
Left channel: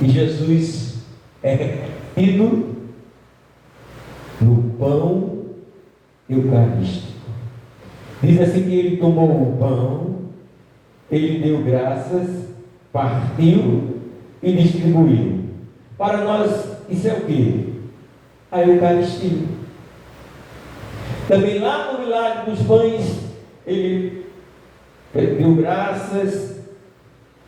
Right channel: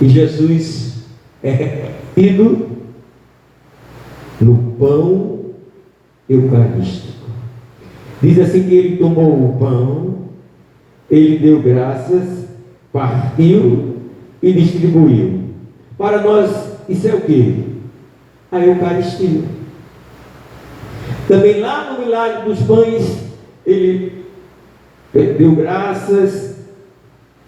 e Jesus é ido no pão eucarístico. Diz assim que ele tomou o pão, ele deu graças, partiu e distribuiu. Para nós Isso é o quê? A Eucaristia. Também lá no milagre dos pães, ele deu graças,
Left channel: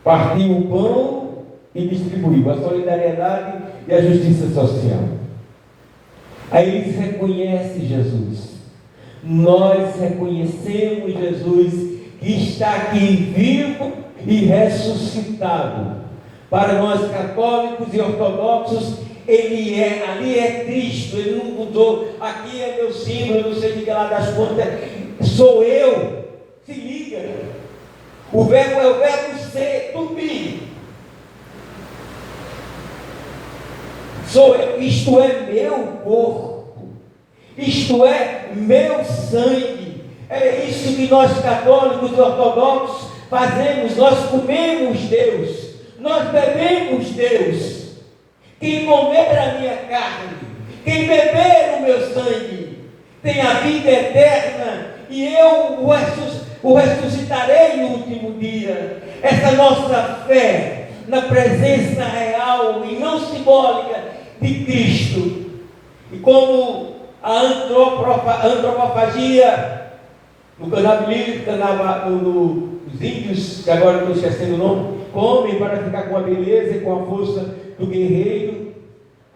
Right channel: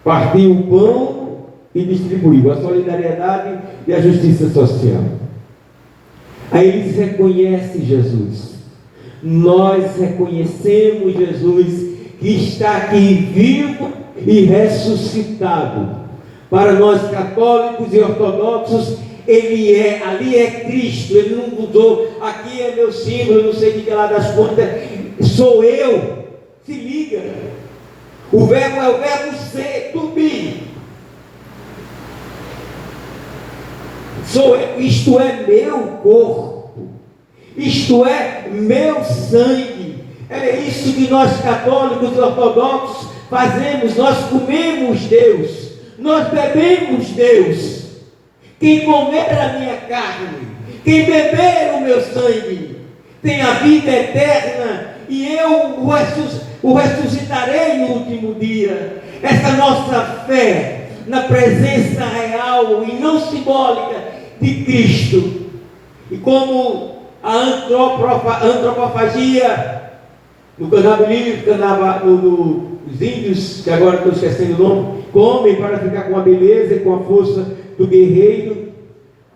partiu o pão e distribuiu a solidariedade e a justiça social. Aí eles reconhecem Jesus. Nós reconhecemos Jesus que está aqui vivo e ressuscitado. Para nós católicos e ortodoxos, ele ali é Cristo, ele não mudou. Aqui é meu símbolo, eu não sei de que lá das contas, sou eu. Se liga, o verbo é o verbo ser, to be. Sou eu, isto é meu corpo, isto é meu sangue. É isso que nós católicos e ortodoxos fazemos. Nós comemos Deus, nós bebemos Deus. Quem comer a minha carne, quem beber o meu sangue, tem a vida eterna, e eu o ressuscitarei no último dia. Essa nossa fé na presença real e não simbólica de Cristo. E como a antropofagia no candomblé, os índios, que agora estou esquecendo o nome, comem para ficar com a beleza e com a força do guerreiro,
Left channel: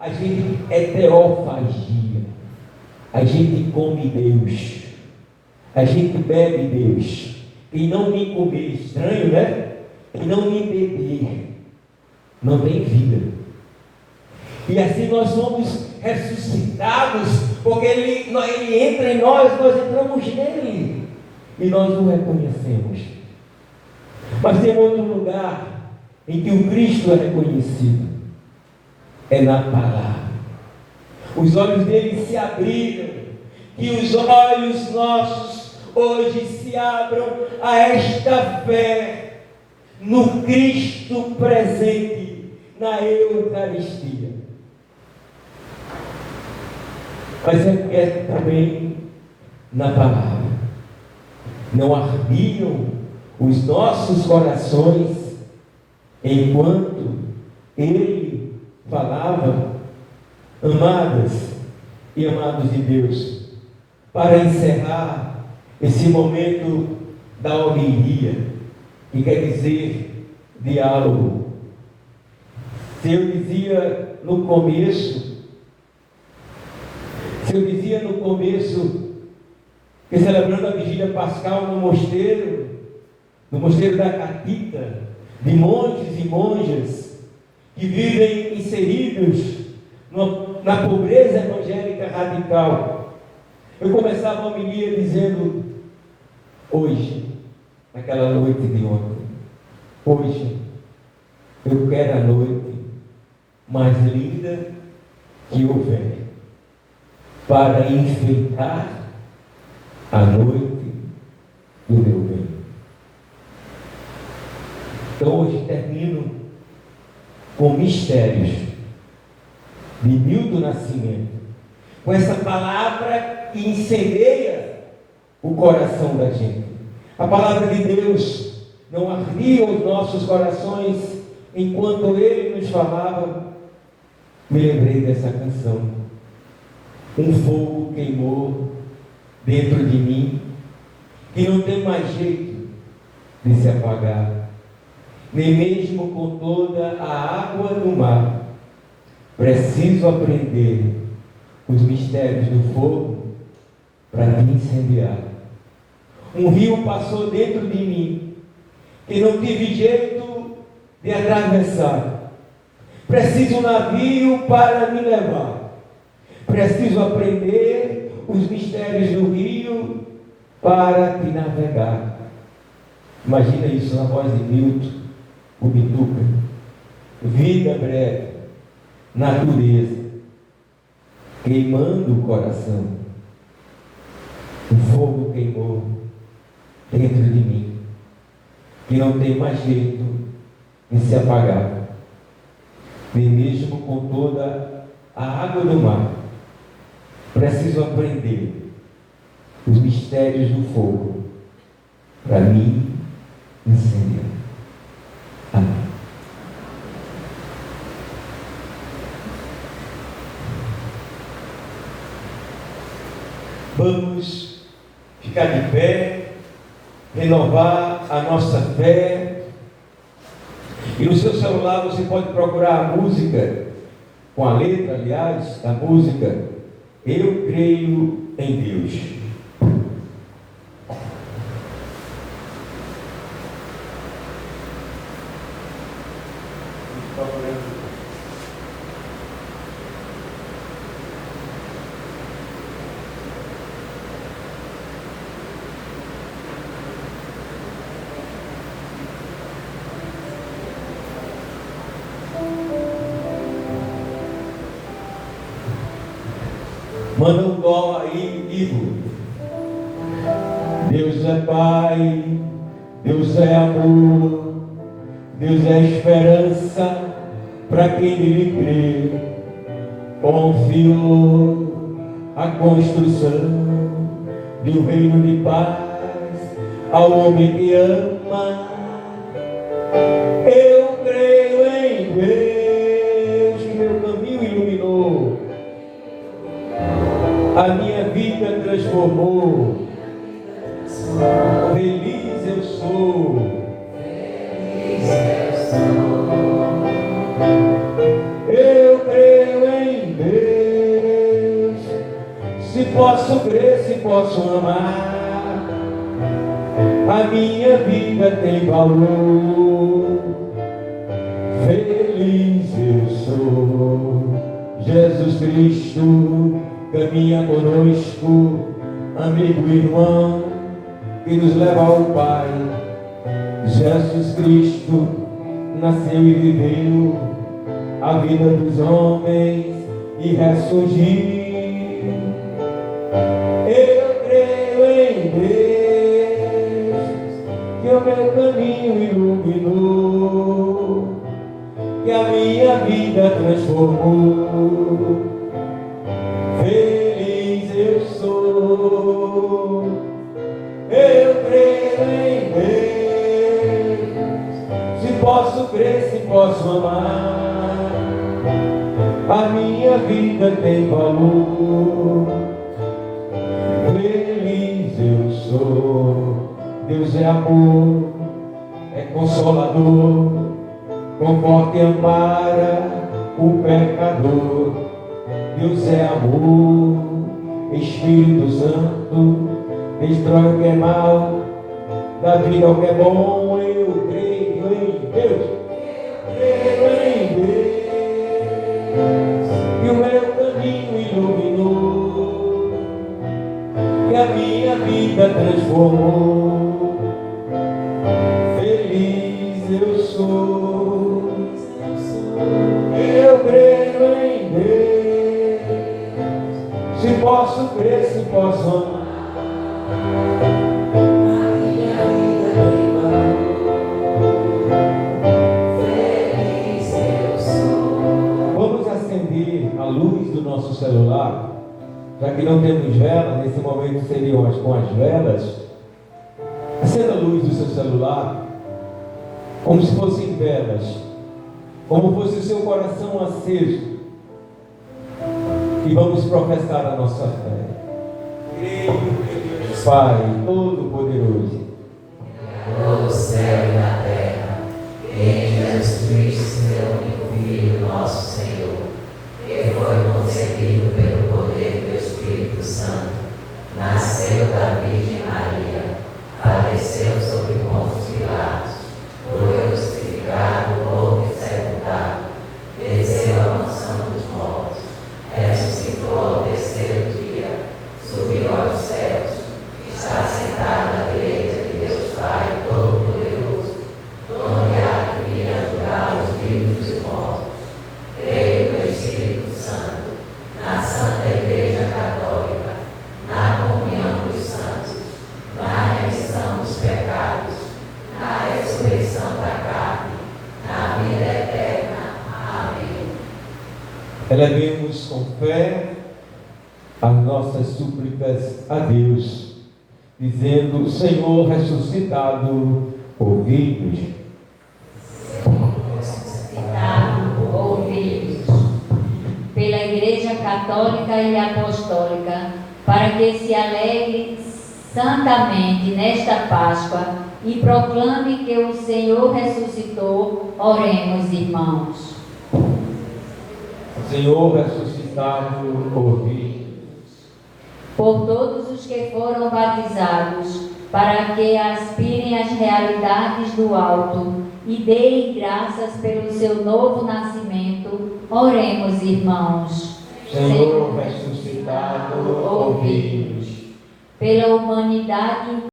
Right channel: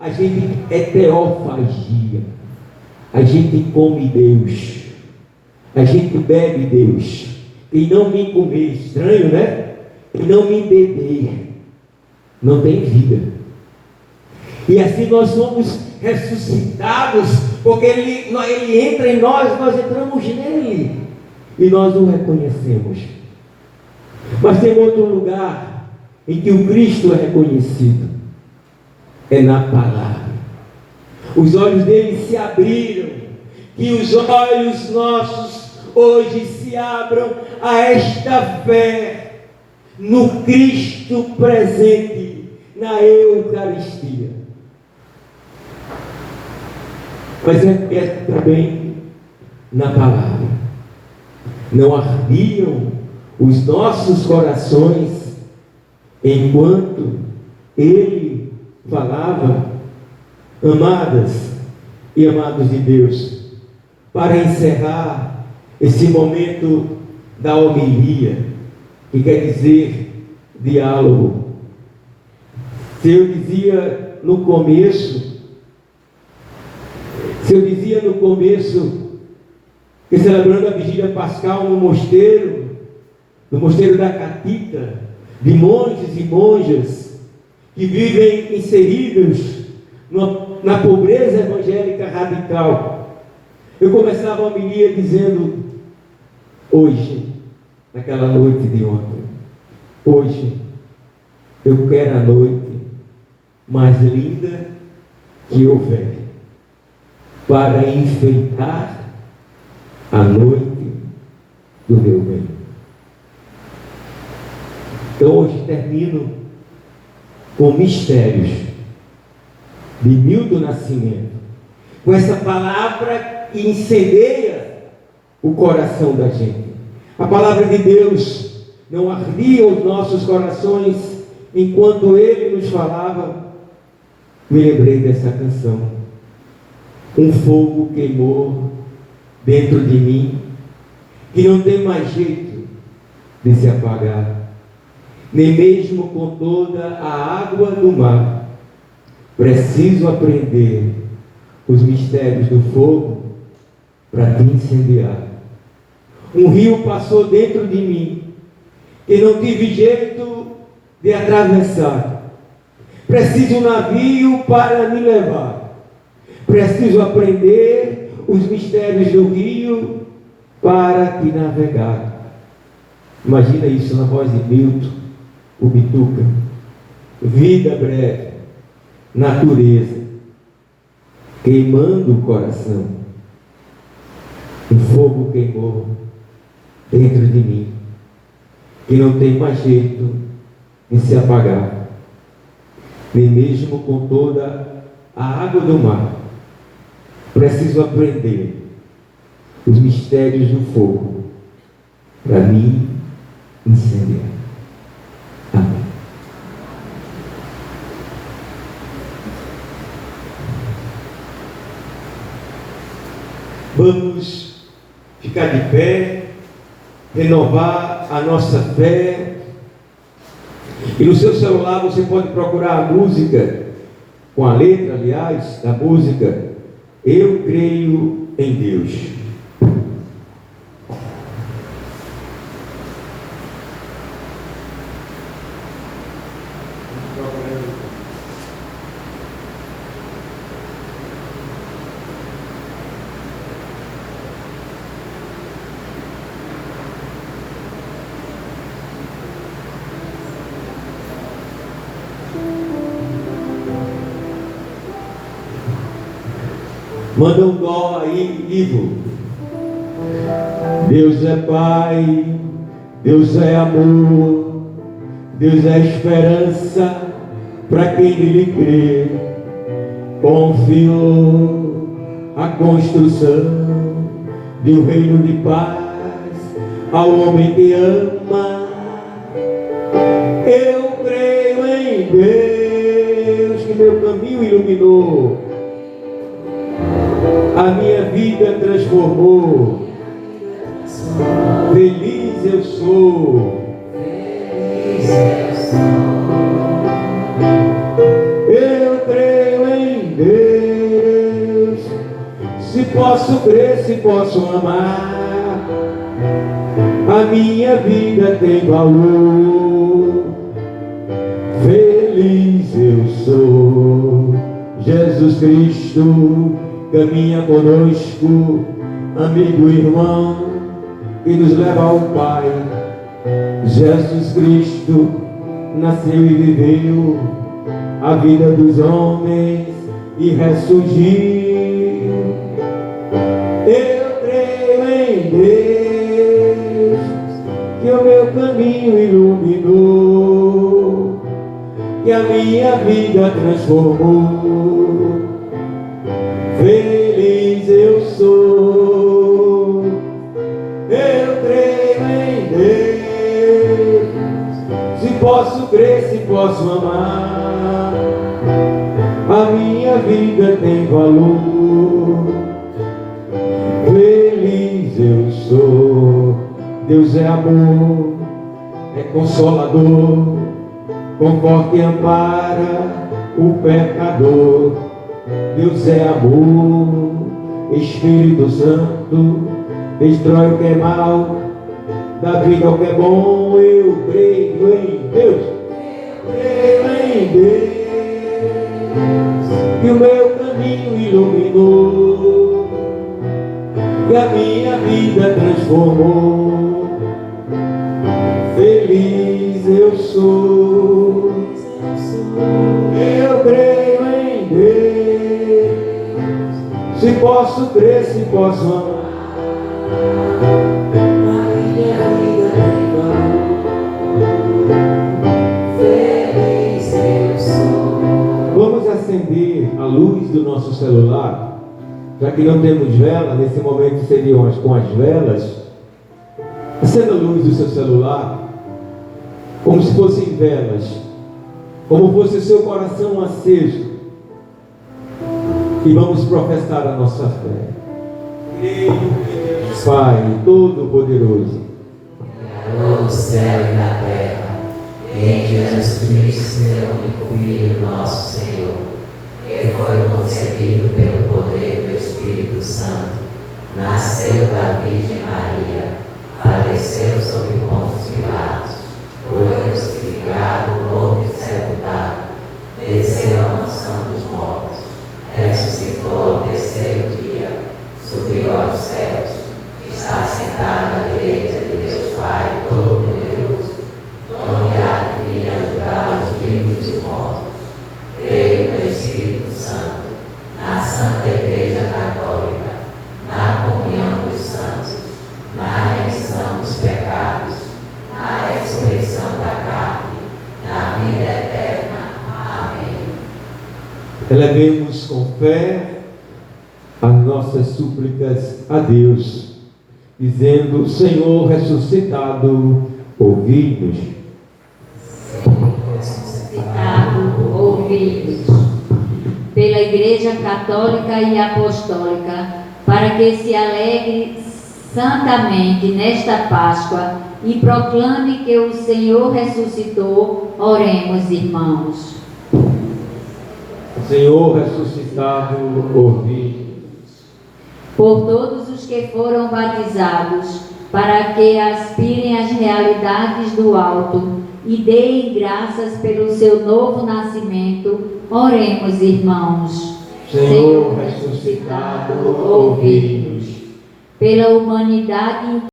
a gente é teofagia. A gente come Deus, a gente bebe Deus. E não me comer, estranho, né? E não me beber, não tem vida. E assim nós somos ressuscitados, porque ele entra em nós entramos nele, e nós o reconhecemos. Mas tem outro lugar em que o Cristo é reconhecido, é na palavra. Os olhos dele se abriram, e os olhos nossos hoje se abram a esta fé no Cristo presente na Eucaristia. Mas é também na palavra. Não ardiam os nossos corações enquanto ele falava? Amadas e amados de Deus, para encerrar esse momento da homilia, que quer dizer diálogo, se eu dizia no começo que celebrando a vigília pascal no mosteiro da Catita, de monges e monjas que vivem inseridos na pobreza evangélica radical, eu começava a homilia dizendo: hoje, naquela noite de ontem, hoje eu quero a noite mais linda que houver, para enfeitar a noite do meu bem. Então hoje termino com mistérios de Milton Nascimento, com essa palavra que incendeia o coração da gente. A palavra de Deus não ardia os nossos corações enquanto ele nos falava. Me lembrei dessa canção. Um fogo queimou dentro de mim, que não tem mais jeito de se apagar, nem mesmo com toda a água do mar. Preciso aprender os mistérios do fogo para te incendiar. Um rio passou dentro de mim, que não tive jeito de atravessar. Preciso um navio para me levar. Preciso aprender os mistérios do rio para te navegar. Imagina isso na voz de Milton, o Bituca. Vida breve, natureza, queimando o coração. O fogo queimou dentro de mim, que não tem mais jeito de se apagar, nem mesmo com toda a água do mar. Preciso aprender os mistérios do fogo para me incendiar. Amém. Vamos ficar de pé, renovar a nossa fé. E no seu celular você pode procurar a música, com a letra, aliás, da música, Eu Creio em Deus. Manda um dó aí, Ivo. Deus é Pai, Deus é amor, Deus é esperança para quem nele crê. Confiou a construção de um reino de paz ao homem que ama. Eu creio em Deus, que meu caminho iluminou, a minha vida transformou. Feliz eu sou. Eu creio em Deus. Se posso crer, se posso amar, a minha vida tem valor. Feliz eu sou. Jesus Cristo caminha conosco, amigo e irmão, que nos leva ao Pai. Jesus Cristo nasceu e viveu a vida dos homens e ressurgiu. Eu creio em Deus, que o meu caminho iluminou, que a minha vida transformou. Feliz eu sou. Eu creio em Deus. Se posso crer, se posso amar, a minha vida tem valor. Feliz eu sou. Deus é amor, é consolador, conforta e ampara o pecador. Deus é amor, Espírito Santo, destrói o que é mal, dá vida ao que é bom. Eu creio em Deus, eu creio em Deus, que o meu caminho iluminou, que a minha vida transformou. Feliz eu sou. Eu creio em Deus. Se posso crer, se posso amar, a minha vida tem valor. Feliz eu sou. Vamos acender a luz do nosso celular, já que não temos vela. Nesse momento seriam com as velas. Acenda a luz do seu celular, como se fossem velas, como fosse o seu coração aceso. E vamos professar a nossa fé. Creio em Deus Pai Todo-Poderoso, Criador do céu e da terra, e em Jesus Cristo, seu único Filho, nosso Senhor, que foi concebido pelo poder do Espírito Santo, nasceu da Virgem Maria, padeceu sob Pôncio Pilatos, foi crucificado, morto e sepultado, desceu à mansão dos mortos, ressuscitou ao terceiro dia, subiu aos céus, está sentado à direita de Deus Pai Todo-Poderoso, onde há de vir a julgar os vivos e os mortos. Creio no Espírito Santo, na Santa Igreja Católica, na comunhão dos santos, na remissão dos pecados, na ressurreição da carne, na vida eterna. Amém. Elevemos com fé as nossas súplicas a Deus, dizendo: Senhor ressuscitado, ouvi-nos. Senhor ressuscitado, ouvi-nos. Pela Igreja Católica e Apostólica, para que se alegre santamente nesta Páscoa e proclame que o Senhor ressuscitou. Oremos, irmãos. Senhor ressuscitado, ouvi. Por todos os que foram batizados, para que aspirem às realidades do alto e deem graças pelo seu novo nascimento, oremos, irmãos. Senhor ressuscitado, ouvi. Pela humanidade